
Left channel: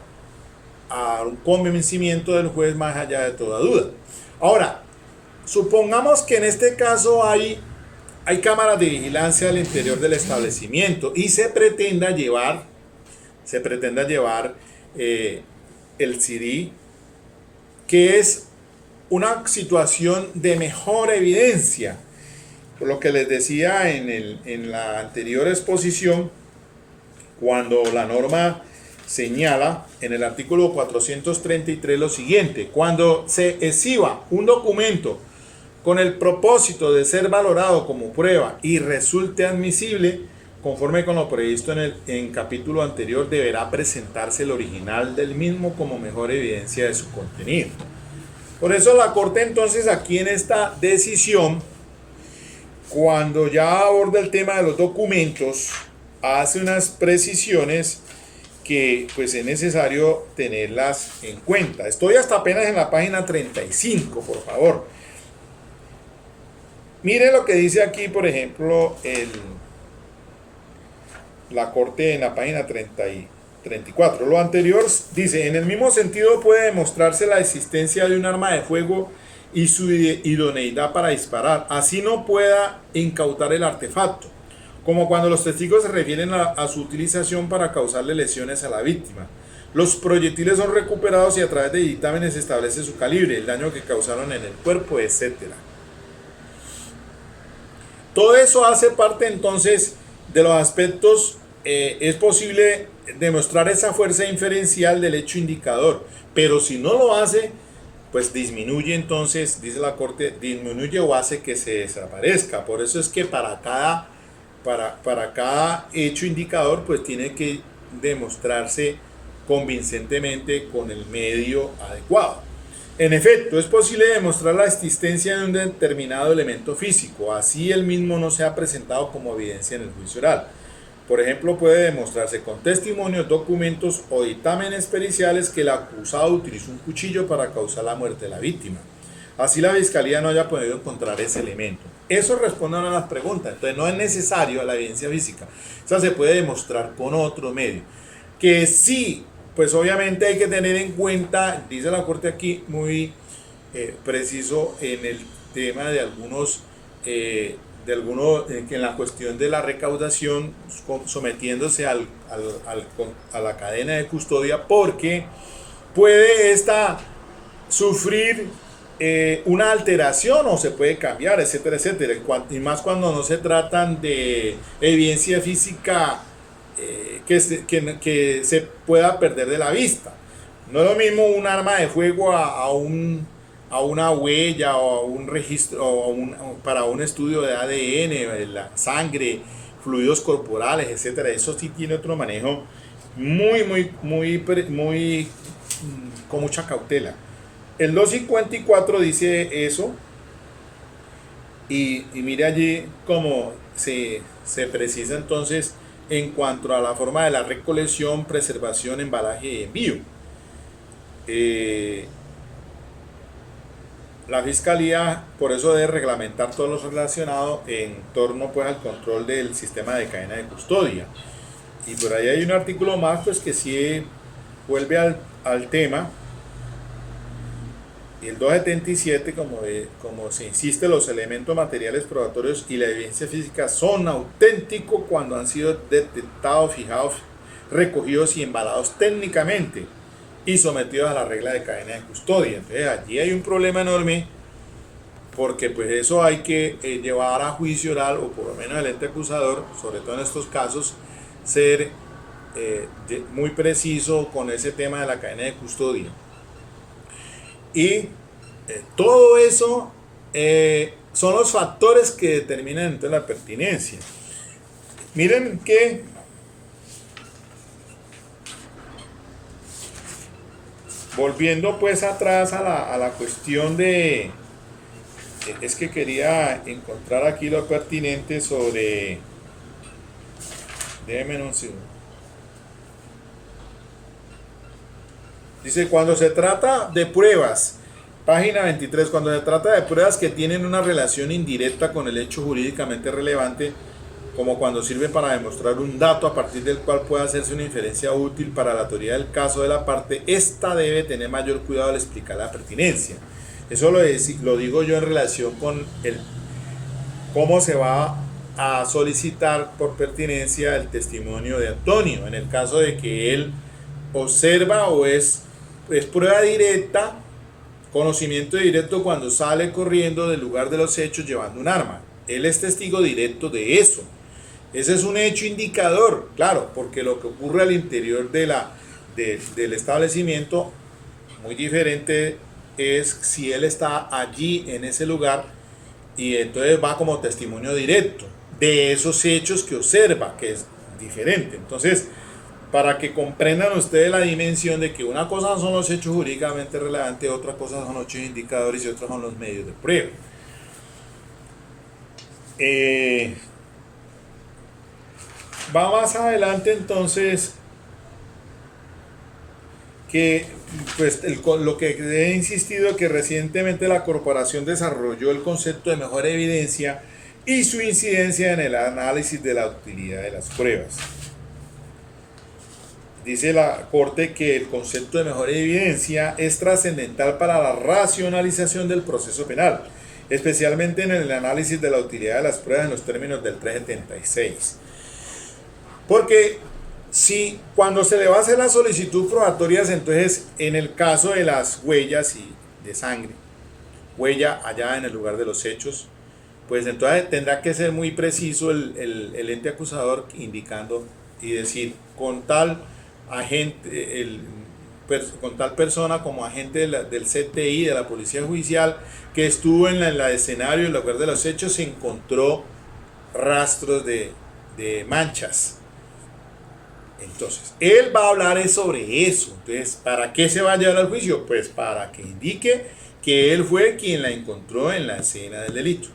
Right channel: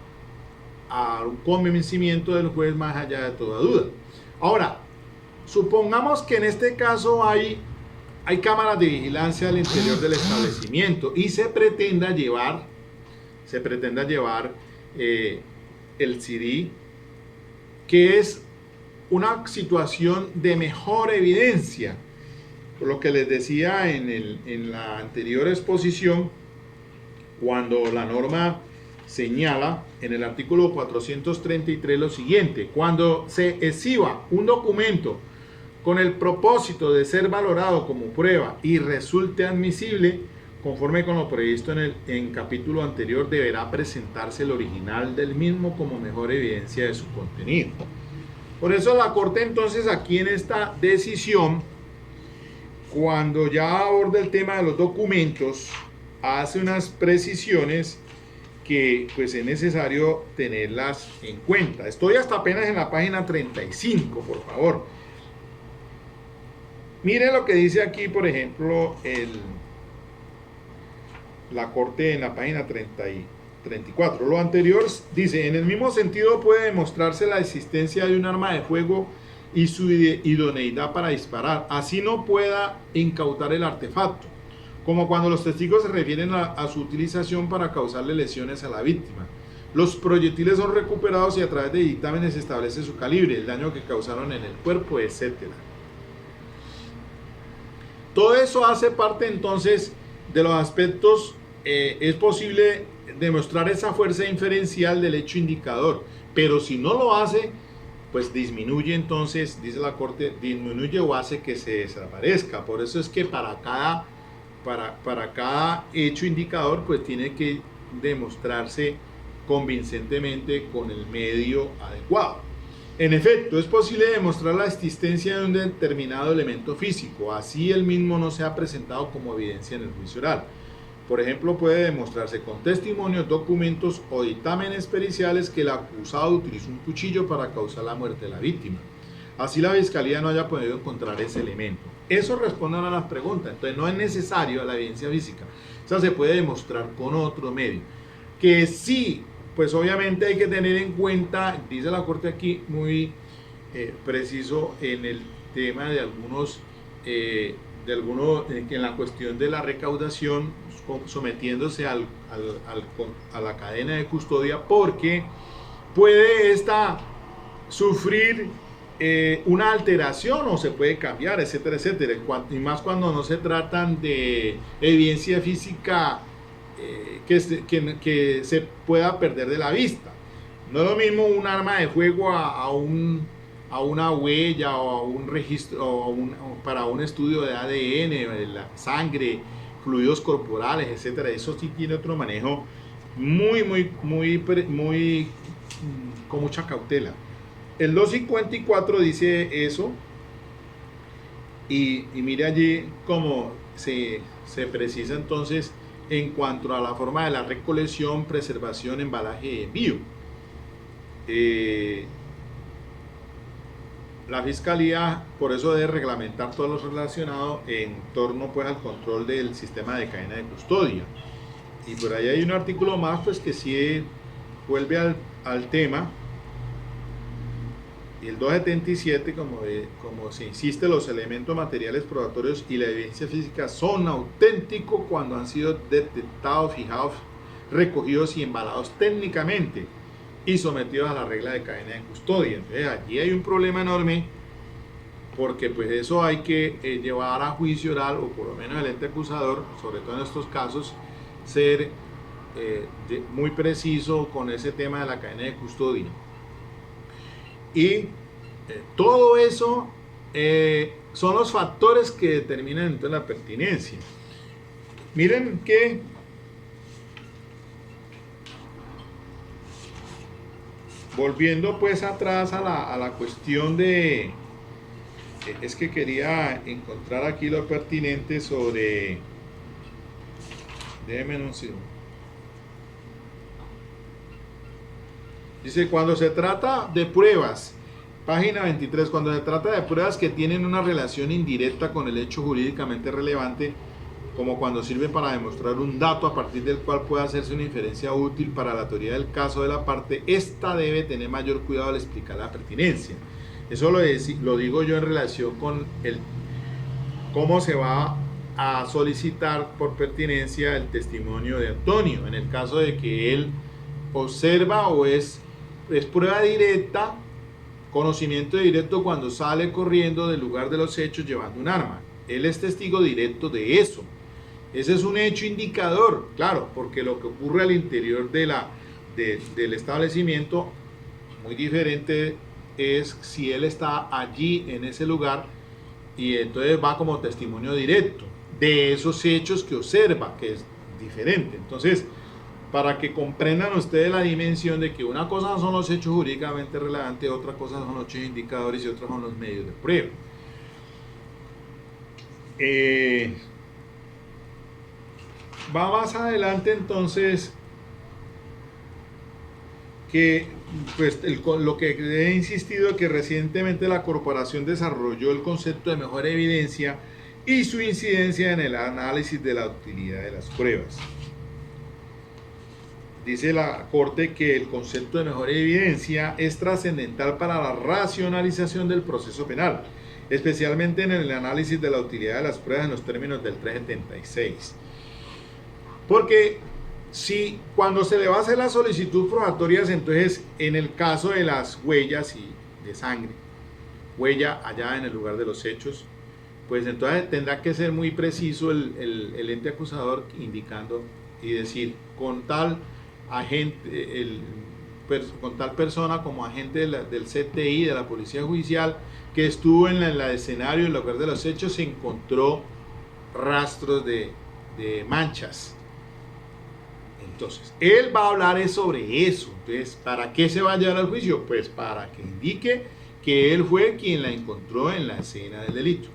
a un convencimiento del juez más allá de toda duda. Ahora, supongamos que en este caso hay cámaras de vigilancia al interior del establecimiento y se pretenda llevar el CD, que es una situación de mejor evidencia. Por lo que les decía en la anterior exposición, cuando la norma señala en el artículo 433 lo siguiente: cuando se exhiba un documento con el propósito de ser valorado como prueba y resulte admisible, conforme con lo previsto en capítulo anterior, deberá presentarse el original del mismo como mejor evidencia de su contenido. Por eso la Corte entonces aquí en esta decisión, cuando ya aborda el tema de los documentos, hace unas precisiones que pues es necesario tenerlas en cuenta. Estoy hasta apenas en la página 35, por favor. Miren lo que dice aquí, por ejemplo, la Corte en la página 30 y 34. Lo anterior dice: en el mismo sentido puede demostrarse la existencia de un arma de fuego y su idoneidad para disparar, así no pueda incautar el artefacto, como cuando los testigos se refieren a su utilización para causarle lesiones a la víctima. Los proyectiles son recuperados y a través de dictámenes se establece su calibre, el daño que causaron en el cuerpo, etc. Todo eso hace parte entonces de los aspectos. Es posible demostrar esa fuerza inferencial del hecho indicador, pero si no lo hace, pues disminuye, entonces, dice la Corte, disminuye o hace que se desaparezca. Por eso es que para cada hecho indicador, pues tiene que demostrarse convincentemente con el medio adecuado. En efecto, es posible demostrar la existencia de un determinado elemento físico, así el mismo no sea presentado como evidencia en el juicio oral. Por ejemplo, puede demostrarse con testimonios, documentos o dictámenes periciales que el acusado utilizó un cuchillo para causar la muerte de la víctima. Así la fiscalía no haya podido encontrar ese elemento. Eso responde a las preguntas. Entonces no es necesario la evidencia física. O sea, se puede demostrar con otro medio. Que sí, pues obviamente hay que tener en cuenta, dice la Corte aquí muy preciso en el tema de algunos en la cuestión de la recaudación, sometiéndose a la cadena de custodia, porque puede esta sufrir una alteración o se puede cambiar, etcétera, etcétera, y más cuando no se tratan de evidencia física que se pueda perder de la vista. No es lo mismo un arma de fuego a una huella o a un registro o para un estudio de ADN, la sangre, fluidos corporales, etcétera. Eso sí tiene otro manejo muy con mucha cautela. El 254 dice eso y mire allí cómo se precisa entonces en cuanto a la forma de la recolección, preservación, embalaje y envío. La fiscalía por eso debe reglamentar todo lo relacionado en torno pues al control del sistema de cadena de custodia. Y por ahí hay un artículo más pues que sí vuelve al tema. Y el 277, como se insiste, los elementos materiales probatorios y la evidencia física son auténticos cuando han sido detectados, fijados, recogidos y embalados técnicamente y sometidos a la regla de cadena de custodia. Entonces allí hay un problema enorme, porque pues eso hay que llevar a juicio oral, o por lo menos el ente acusador, sobre todo en estos casos, ser muy preciso con ese tema de la cadena de custodia. Y todo eso son los factores que determinan entonces la pertinencia. Miren que volviendo pues atrás a la cuestión de... Es que quería encontrar aquí lo pertinente sobre Déjenme un segundo. Dice, cuando se trata de pruebas, página 23, cuando se trata de pruebas que tienen una relación indirecta con el hecho jurídicamente relevante, como cuando sirve para demostrar un dato a partir del cual puede hacerse una inferencia útil para la teoría del caso de la parte, esta debe tener mayor cuidado al explicar la pertinencia. Eso lo digo yo en relación con cómo se va a solicitar por pertinencia el testimonio de Antonio, en el caso de que él observa o es prueba directa, conocimiento directo cuando sale corriendo del lugar de los hechos llevando un arma. Él es testigo directo de eso. Ese es un hecho indicador, claro, porque lo que ocurre al interior del establecimiento, muy diferente es si él está allí en ese lugar y entonces va como testimonio directo de esos hechos que observa, que es diferente. Entonces, para que comprendan ustedes la dimensión de que una cosa son los hechos jurídicamente relevantes, otra cosa son los hechos indicadores y otros son los medios de prueba. Va más adelante entonces que pues lo que he insistido, que recientemente la corporación desarrolló el concepto de mejor evidencia y su incidencia en el análisis de la utilidad de las pruebas. Dice la Corte que el concepto de mejor evidencia es trascendental para la racionalización del proceso penal, especialmente en el análisis de la utilidad de las pruebas en los términos del 376. Porque si cuando se le va a hacer la solicitud probatoria, entonces en el caso de las huellas y de sangre, huella allá en el lugar de los hechos, pues entonces tendrá que ser muy preciso el ente acusador indicando y decir con tal agente, con tal persona como agente del CTI, de la Policía Judicial, que estuvo en el escenario, en el lugar de los hechos, se encontró rastros de manchas. Entonces, él va a hablar sobre eso. Entonces, ¿para qué se va a llevar al juicio? Pues para que indique que él fue quien la encontró en la escena del delito.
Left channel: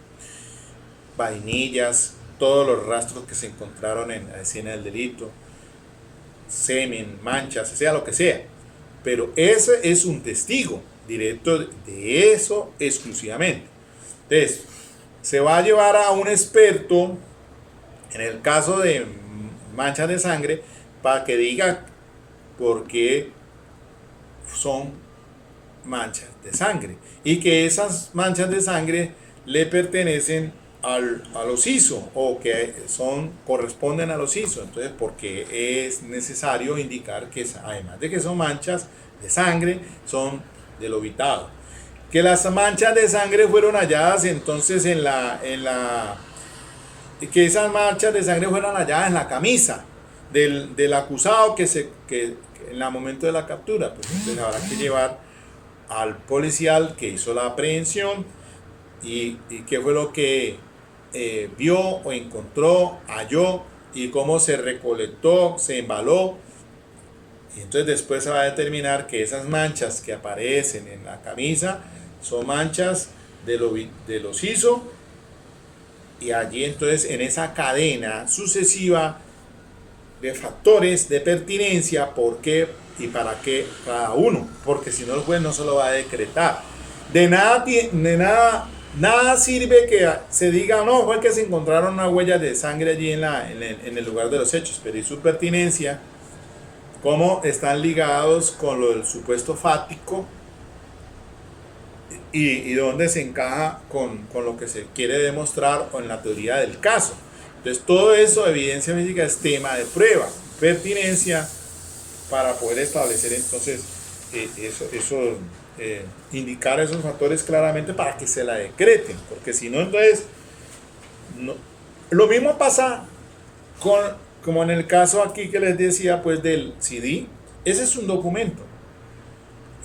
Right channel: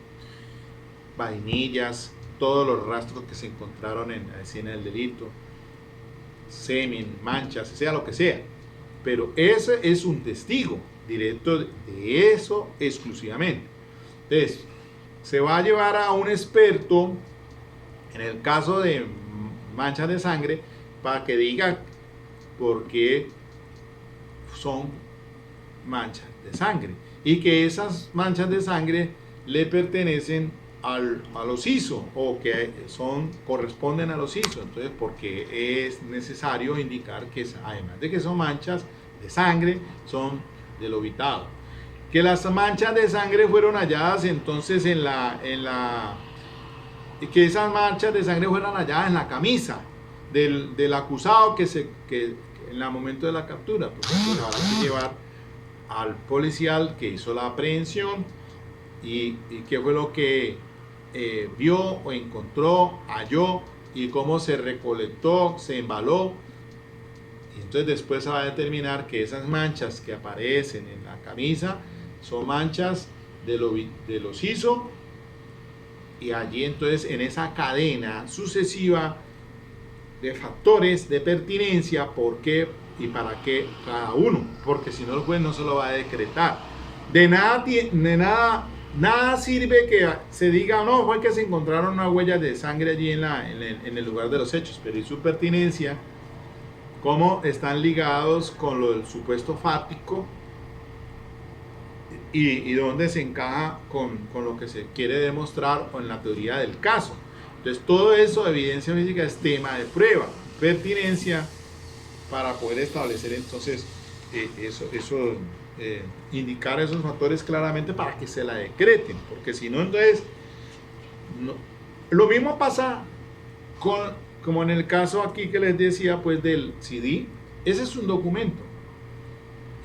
Vainillas, todos los rastros que se encontraron en la escena del delito, semen, manchas, sea lo que sea. Pero ese es un testigo directo de eso exclusivamente. Entonces, se va a llevar a un experto en el caso de manchas de sangre para que diga por qué son manchas de sangre y que esas manchas de sangre le pertenecen a los ISO o que corresponden a los ISO. Entonces, porque es necesario indicar que además de que son manchas de sangre, son del obitado. Que las manchas de sangre fueron halladas entonces que esas manchas de sangre fueron halladas en la camisa del acusado que en el momento de la captura, pues entonces habrá que llevar al policial que hizo la aprehensión y qué fue lo que vio o encontró, halló y cómo se recolectó, se embaló. Y entonces después se va a determinar que esas manchas que aparecen en la camisa son manchas de los ISO, y allí entonces en esa cadena sucesiva de factores de pertinencia, por qué y para qué cada uno, porque si no el juez no se lo va a decretar. De nada sirve que se diga, no, fue que se encontraron unas huellas de sangre allí en el lugar de los hechos, pero y su pertinencia, cómo están ligados con lo del supuesto fáctico y dónde se encaja con lo que se quiere demostrar o en la teoría del caso. Entonces, todo eso, evidencia física, es tema de prueba, pertinencia, para poder establecer entonces indicar esos factores claramente para que se la decreten, porque si no, entonces, no. Lo mismo pasa como en el caso aquí que les decía, pues del CD, ese es un documento.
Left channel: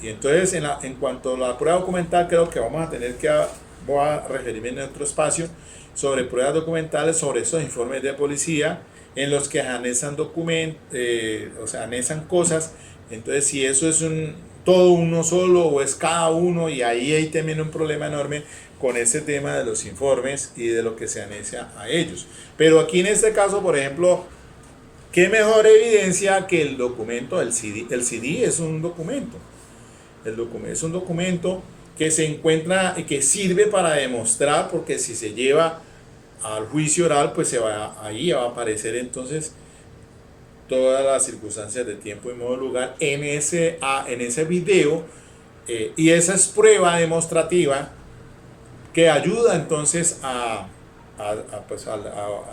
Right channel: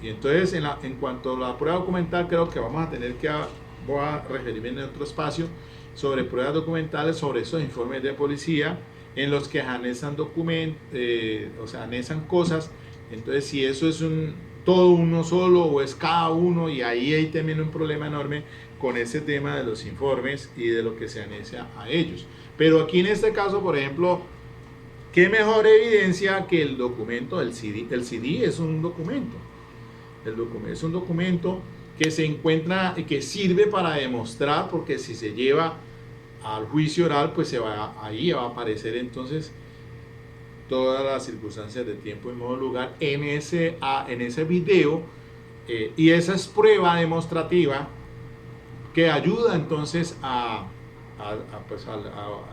Y entonces, en cuanto a la prueba documental, creo que vamos a tener voy a referirme en otro espacio sobre pruebas documentales, sobre esos informes de policía en los que anexan anexan cosas. Entonces, si eso es todo uno solo o es cada uno, y ahí hay también un problema enorme con ese tema de los informes y de lo que se anexa a ellos. Pero aquí en este caso, por ejemplo, ¿Qué mejor evidencia que el documento del CD? El CD es un documento. El documento es un documento que se encuentra y que sirve para demostrar, porque si se lleva al juicio oral, pues ahí va a aparecer entonces todas las circunstancias de tiempo y modo lugar en ese video, y esa es prueba demostrativa que ayuda entonces a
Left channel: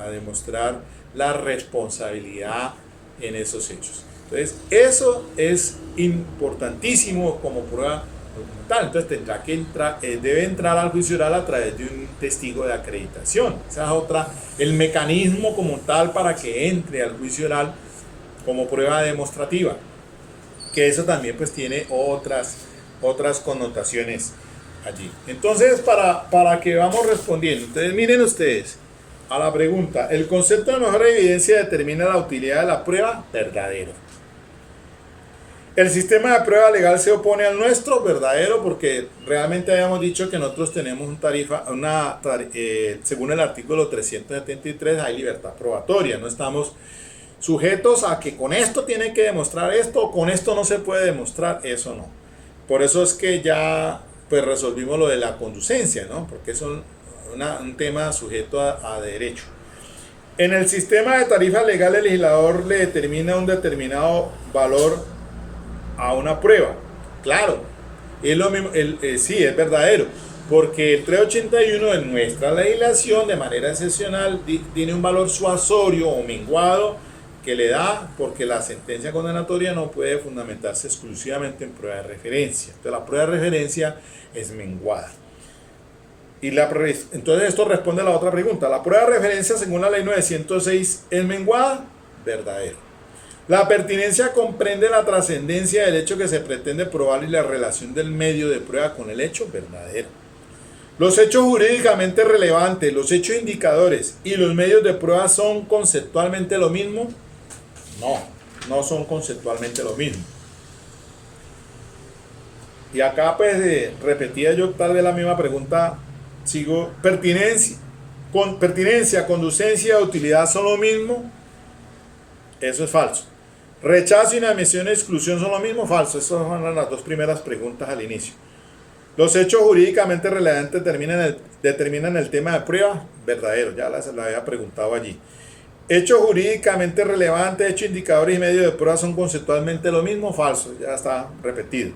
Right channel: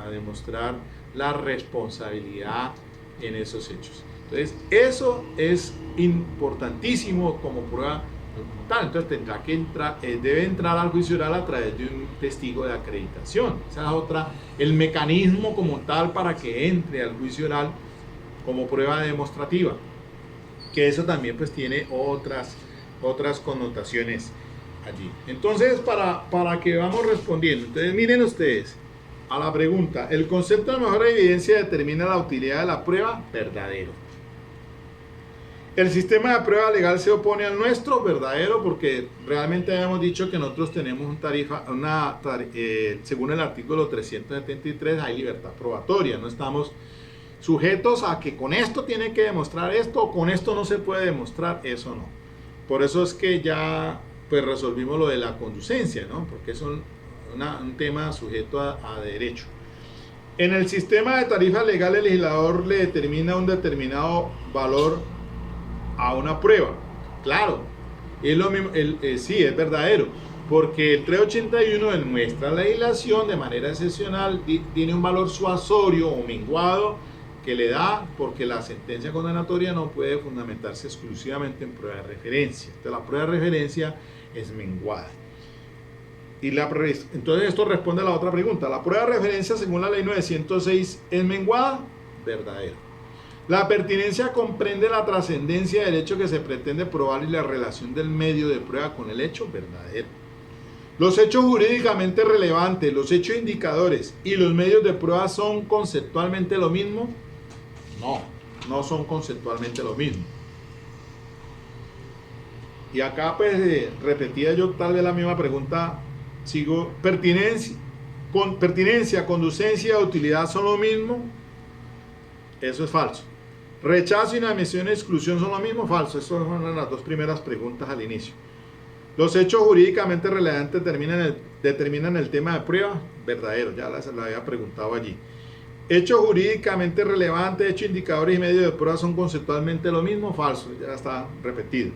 demostrar la responsabilidad en esos hechos. Entonces, eso es importantísimo como prueba documental. Entonces, debe entrar al juicio oral a través de un testigo de acreditación. Esa es el mecanismo como tal para que entre al juicio oral como prueba demostrativa. Que eso también pues tiene otras connotaciones allí. Entonces, para que vamos respondiendo, entonces miren ustedes a la pregunta: ¿el concepto de mejor evidencia determina la utilidad de la prueba? Verdadero. ¿El sistema de prueba legal se opone al nuestro? Verdadero, porque realmente habíamos dicho que nosotros tenemos según el artículo 373 hay libertad probatoria, no estamos sujetos a que con esto tiene que demostrar esto, o con esto no se puede demostrar, eso no. Por eso es que ya pues resolvimos lo de la conducencia, ¿no? Porque es un tema sujeto a derecho. En el sistema de tarifa legal, el legislador le determina un determinado valor a una prueba. Claro, es lo mismo, sí, es verdadero, porque el 381 de nuestra legislación de manera excepcional tiene un valor suasorio o menguado que le da, porque la sentencia condenatoria no puede fundamentarse exclusivamente en prueba de referencia. Entonces la prueba de referencia es menguada. Entonces esto responde a la otra pregunta: ¿la prueba de referencia según la ley 906 es menguada? Verdadero. La pertinencia comprende la trascendencia del hecho que se pretende probar y la relación del medio de prueba con el hecho. Verdadero. Los hechos jurídicamente relevantes, los hechos indicadores y los medios de prueba son conceptualmente lo mismo. No son conceptualmente lo mismo. Y acá pues repetía yo tal vez la misma pregunta, sigo: pertinencia, conducencia y utilidad son lo mismo. Eso es falso. Rechazo, inadmisión e exclusión son lo mismo. Falso. Esas son las dos primeras preguntas al inicio. Los hechos jurídicamente relevantes determinan el tema de prueba. Verdadero, ya la había preguntado allí. Hechos jurídicamente relevantes, hechos indicadores y medios de prueba son conceptualmente lo mismo. Falso, ya está repetido.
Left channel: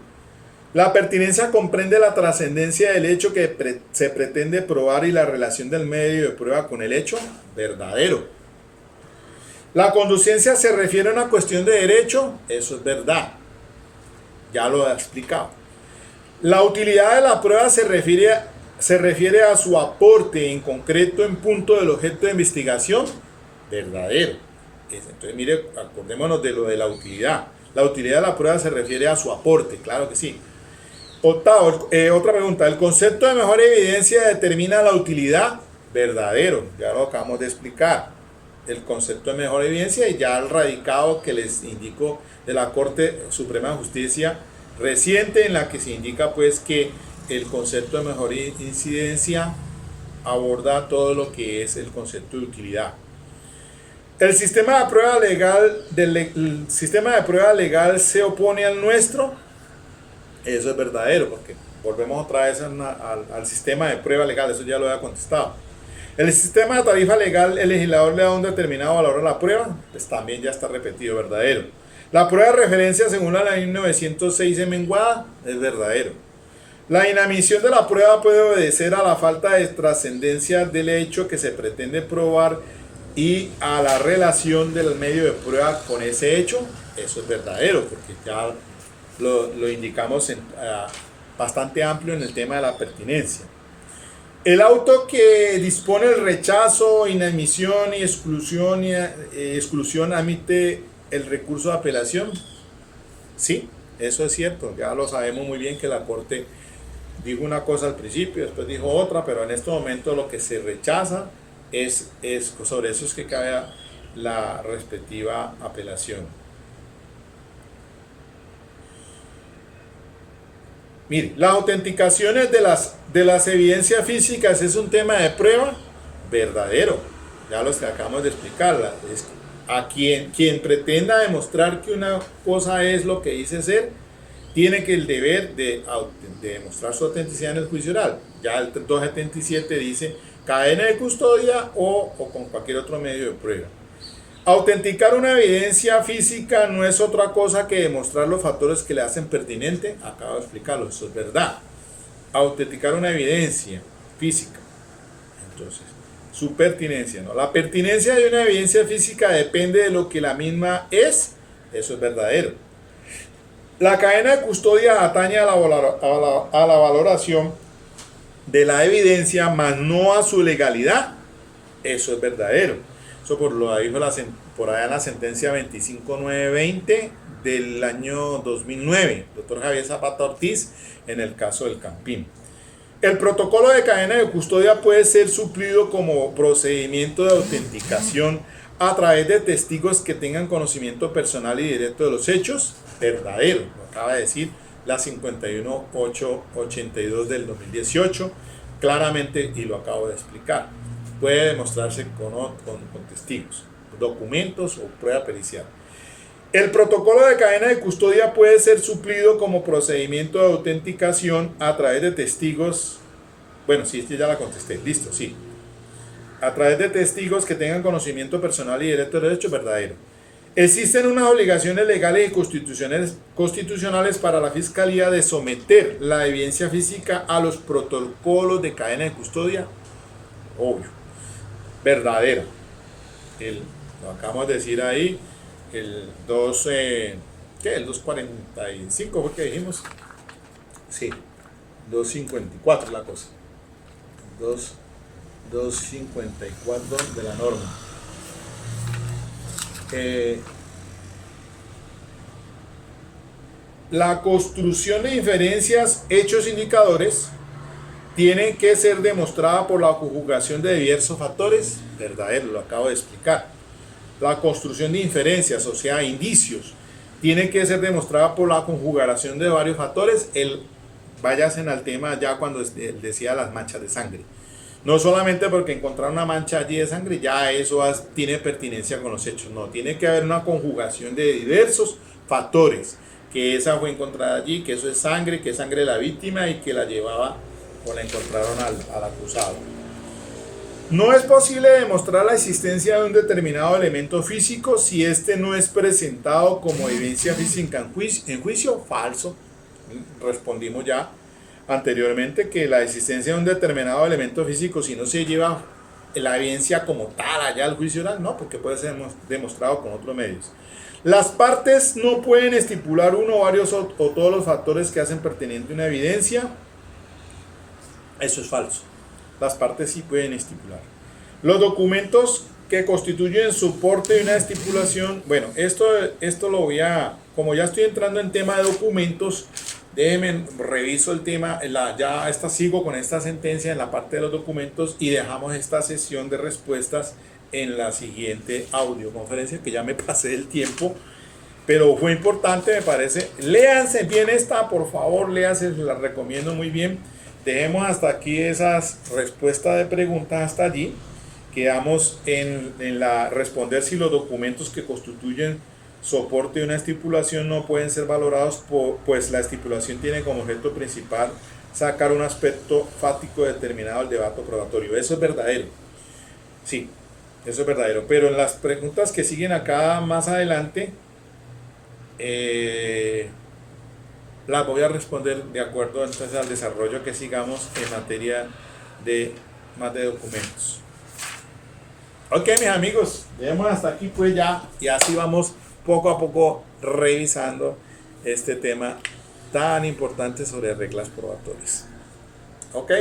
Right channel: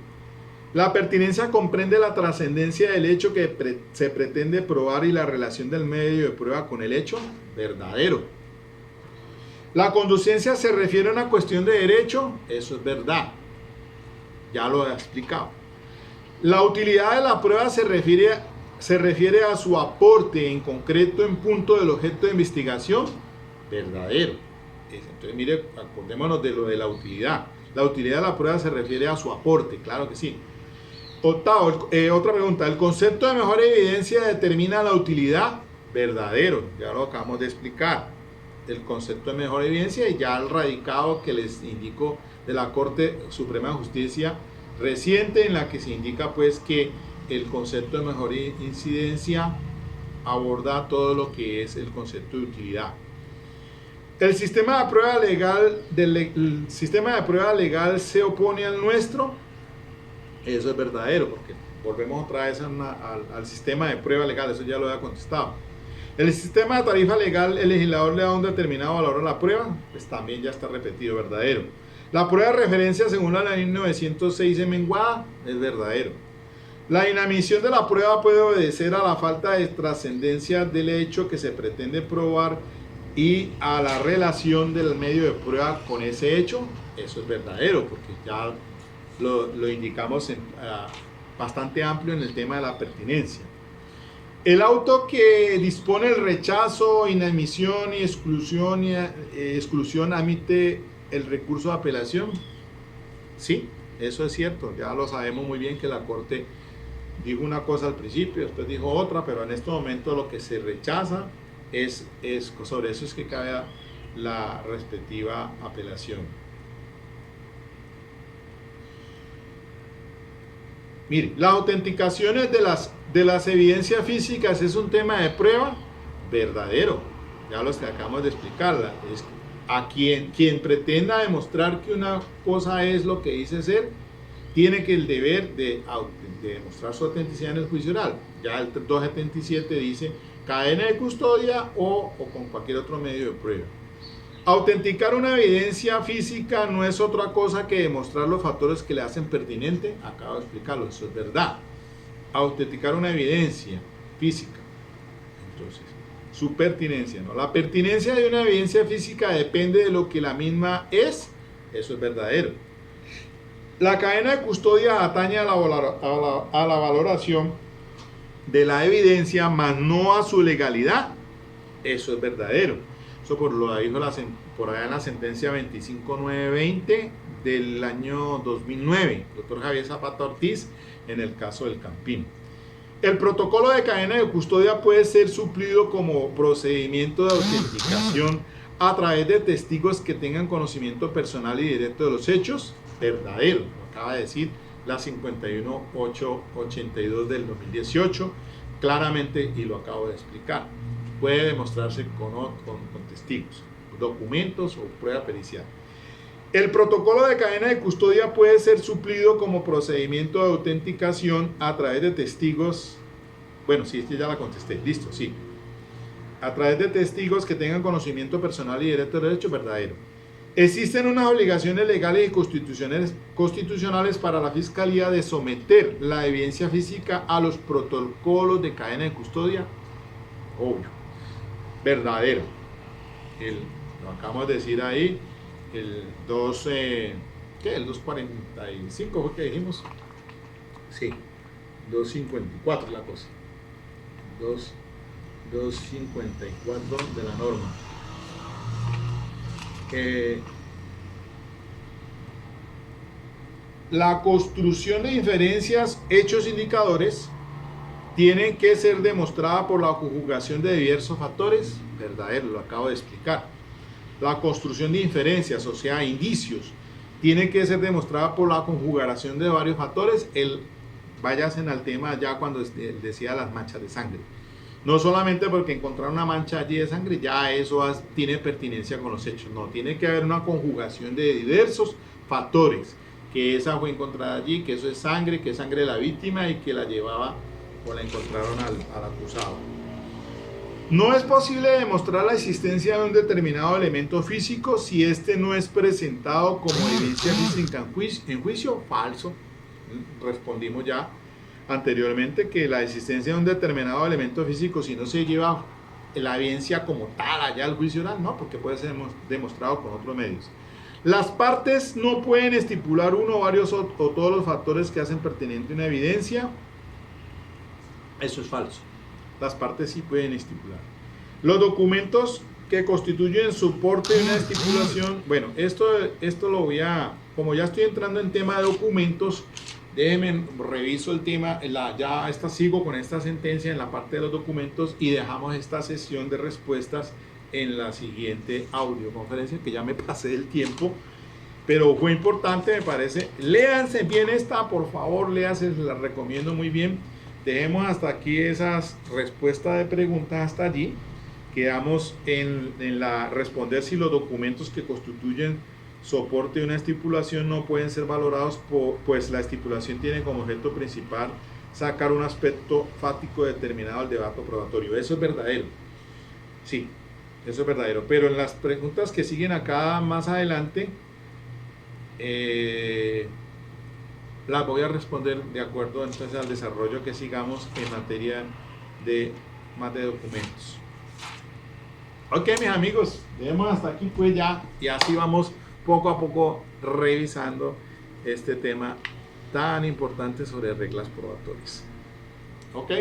La pertinencia comprende la trascendencia del hecho que se pretende probar y la relación del medio de prueba con el hecho. Verdadero. La conducencia se refiere a una cuestión de derecho. Eso es verdad, ya lo he explicado. La utilidad de la prueba se refiere a su aporte en concreto en punto del objeto de investigación. Verdadero. Entonces mire, acordémonos de lo de la utilidad. La utilidad de la prueba se refiere a su aporte, claro que sí. Otra pregunta: ¿el concepto de mejor evidencia determina la utilidad? Verdadero, ya lo acabamos de explicar. El concepto de mejor evidencia, y ya el radicado que les indico de la Corte Suprema de Justicia reciente, en la que se indica pues que el concepto de mejor incidencia aborda todo lo que es el concepto de utilidad. ¿El sistema de prueba legal se opone al nuestro? Eso es verdadero, porque volvemos otra vez al sistema de prueba legal, eso ya lo había contestado. ¿El sistema de tarifa legal, el legislador le da un determinado valor a la prueba? Pues también ya está repetido, verdadero. ¿La prueba de referencia según la ley 906 es menguada? Es verdadero. ¿La inadmisión de la prueba puede obedecer a la falta de trascendencia del hecho que se pretende probar y a la relación del medio de prueba con ese hecho? Eso es verdadero, porque ya lo indicamos bastante amplio en el tema de la pertinencia. El auto que dispone el rechazo, inadmisión y exclusión admite el recurso de apelación. Sí, eso es cierto, ya lo sabemos muy bien que la Corte dijo una cosa al principio, después dijo otra, pero en este momento lo que se rechaza es sobre eso es que cabe la respectiva apelación. Mire, las autenticaciones de las evidencias físicas es un tema de prueba. Verdadero, ya los que acabamos de explicar. a quien pretenda demostrar que una cosa es lo que dice ser, tiene que el deber de demostrar su autenticidad en el juicio oral. Ya el 277 dice cadena de custodia o con cualquier otro medio de prueba. Autenticar una evidencia física no es otra cosa que demostrar los factores que le hacen pertinente. Acabo de explicarlo, eso es verdad. Autenticar una evidencia física. Entonces, su pertinencia, ¿no? La pertinencia de una evidencia física depende de lo que la misma es. Eso es verdadero. La cadena de custodia atañe a la valoración de la evidencia, más no a su legalidad. Eso es verdadero. Eso lo dijo por allá en la sentencia 25920 del año 2009, doctor Javier Zapata Ortiz, en el caso del Campín. El protocolo de cadena de custodia puede ser suplido como procedimiento de autenticación a través de testigos que tengan conocimiento personal y directo de los hechos. Verdadero, lo acaba de decir la 51882 del 2018, claramente, y lo acabo de explicar. Puede demostrarse con testigos, documentos o prueba pericial. El protocolo de cadena de custodia puede ser suplido como procedimiento de autenticación a través de testigos. Bueno, sí, ya la contesté. Listo, sí. A través de testigos que tengan conocimiento personal y directo de los hechos. Verdadero. Existen unas obligaciones legales y constitucionales para la Fiscalía de someter la evidencia física a los protocolos de cadena de custodia. Obvio. Verdadero. Lo acabamos de decir ahí. El 245 fue que dijimos. Sí, 254 la cosa. 254 de la norma. La construcción de inferencias, hechos, indicadores tienen que ser demostrada por la conjugación de diversos factores. Verdadero, lo acabo de explicar. La construcción de inferencias, o sea, indicios, tiene que ser demostrada por la conjugación de varios factores. Váyanse al tema ya cuando decía las manchas de sangre. No solamente porque encontrar una mancha allí de sangre, ya eso tiene pertinencia con los hechos. No, tiene que haber una conjugación de diversos factores. Que esa fue encontrada allí, que eso es sangre, que es sangre de la víctima y que la llevaba o la encontraron al acusado. No es posible demostrar la existencia de un determinado elemento físico si éste no es presentado como evidencia física en juicio. Falso. Respondimos ya anteriormente que la existencia de un determinado elemento físico, si no se lleva la evidencia como tal allá al juicio oral, no, porque puede ser demostrado con otros medios. Las partes no pueden estipular uno o varios o todos los factores que hacen pertinente una evidencia. Eso es falso. Las partes sí pueden estipular. Los documentos que constituyen soporte de una estipulación. Bueno, esto lo voy a, como ya estoy entrando en tema de documentos, déjenme reviso el tema, sigo con esta sentencia en la parte de los documentos y dejamos esta sesión de respuestas en la siguiente audioconferencia, que ya me pasé el tiempo, pero fue importante, me parece. Léanse bien esta, por favor, léanse, la recomiendo muy bien. Dejemos hasta aquí esas respuestas de preguntas hasta allí. Quedamos en la responder si los documentos que constituyen soporte de una estipulación no pueden ser valorados, pues la estipulación tiene como objeto principal sacar un aspecto fáctico determinado del debate probatorio. Eso es verdadero. Sí, eso es verdadero. Pero en las preguntas que siguen acá más adelante, las voy a responder de acuerdo entonces al desarrollo que sigamos en materia de más de documentos. Ok, mis amigos, dejemos hasta aquí pues ya, y así vamos poco a poco revisando este tema tan importante sobre reglas probatorias. Ok.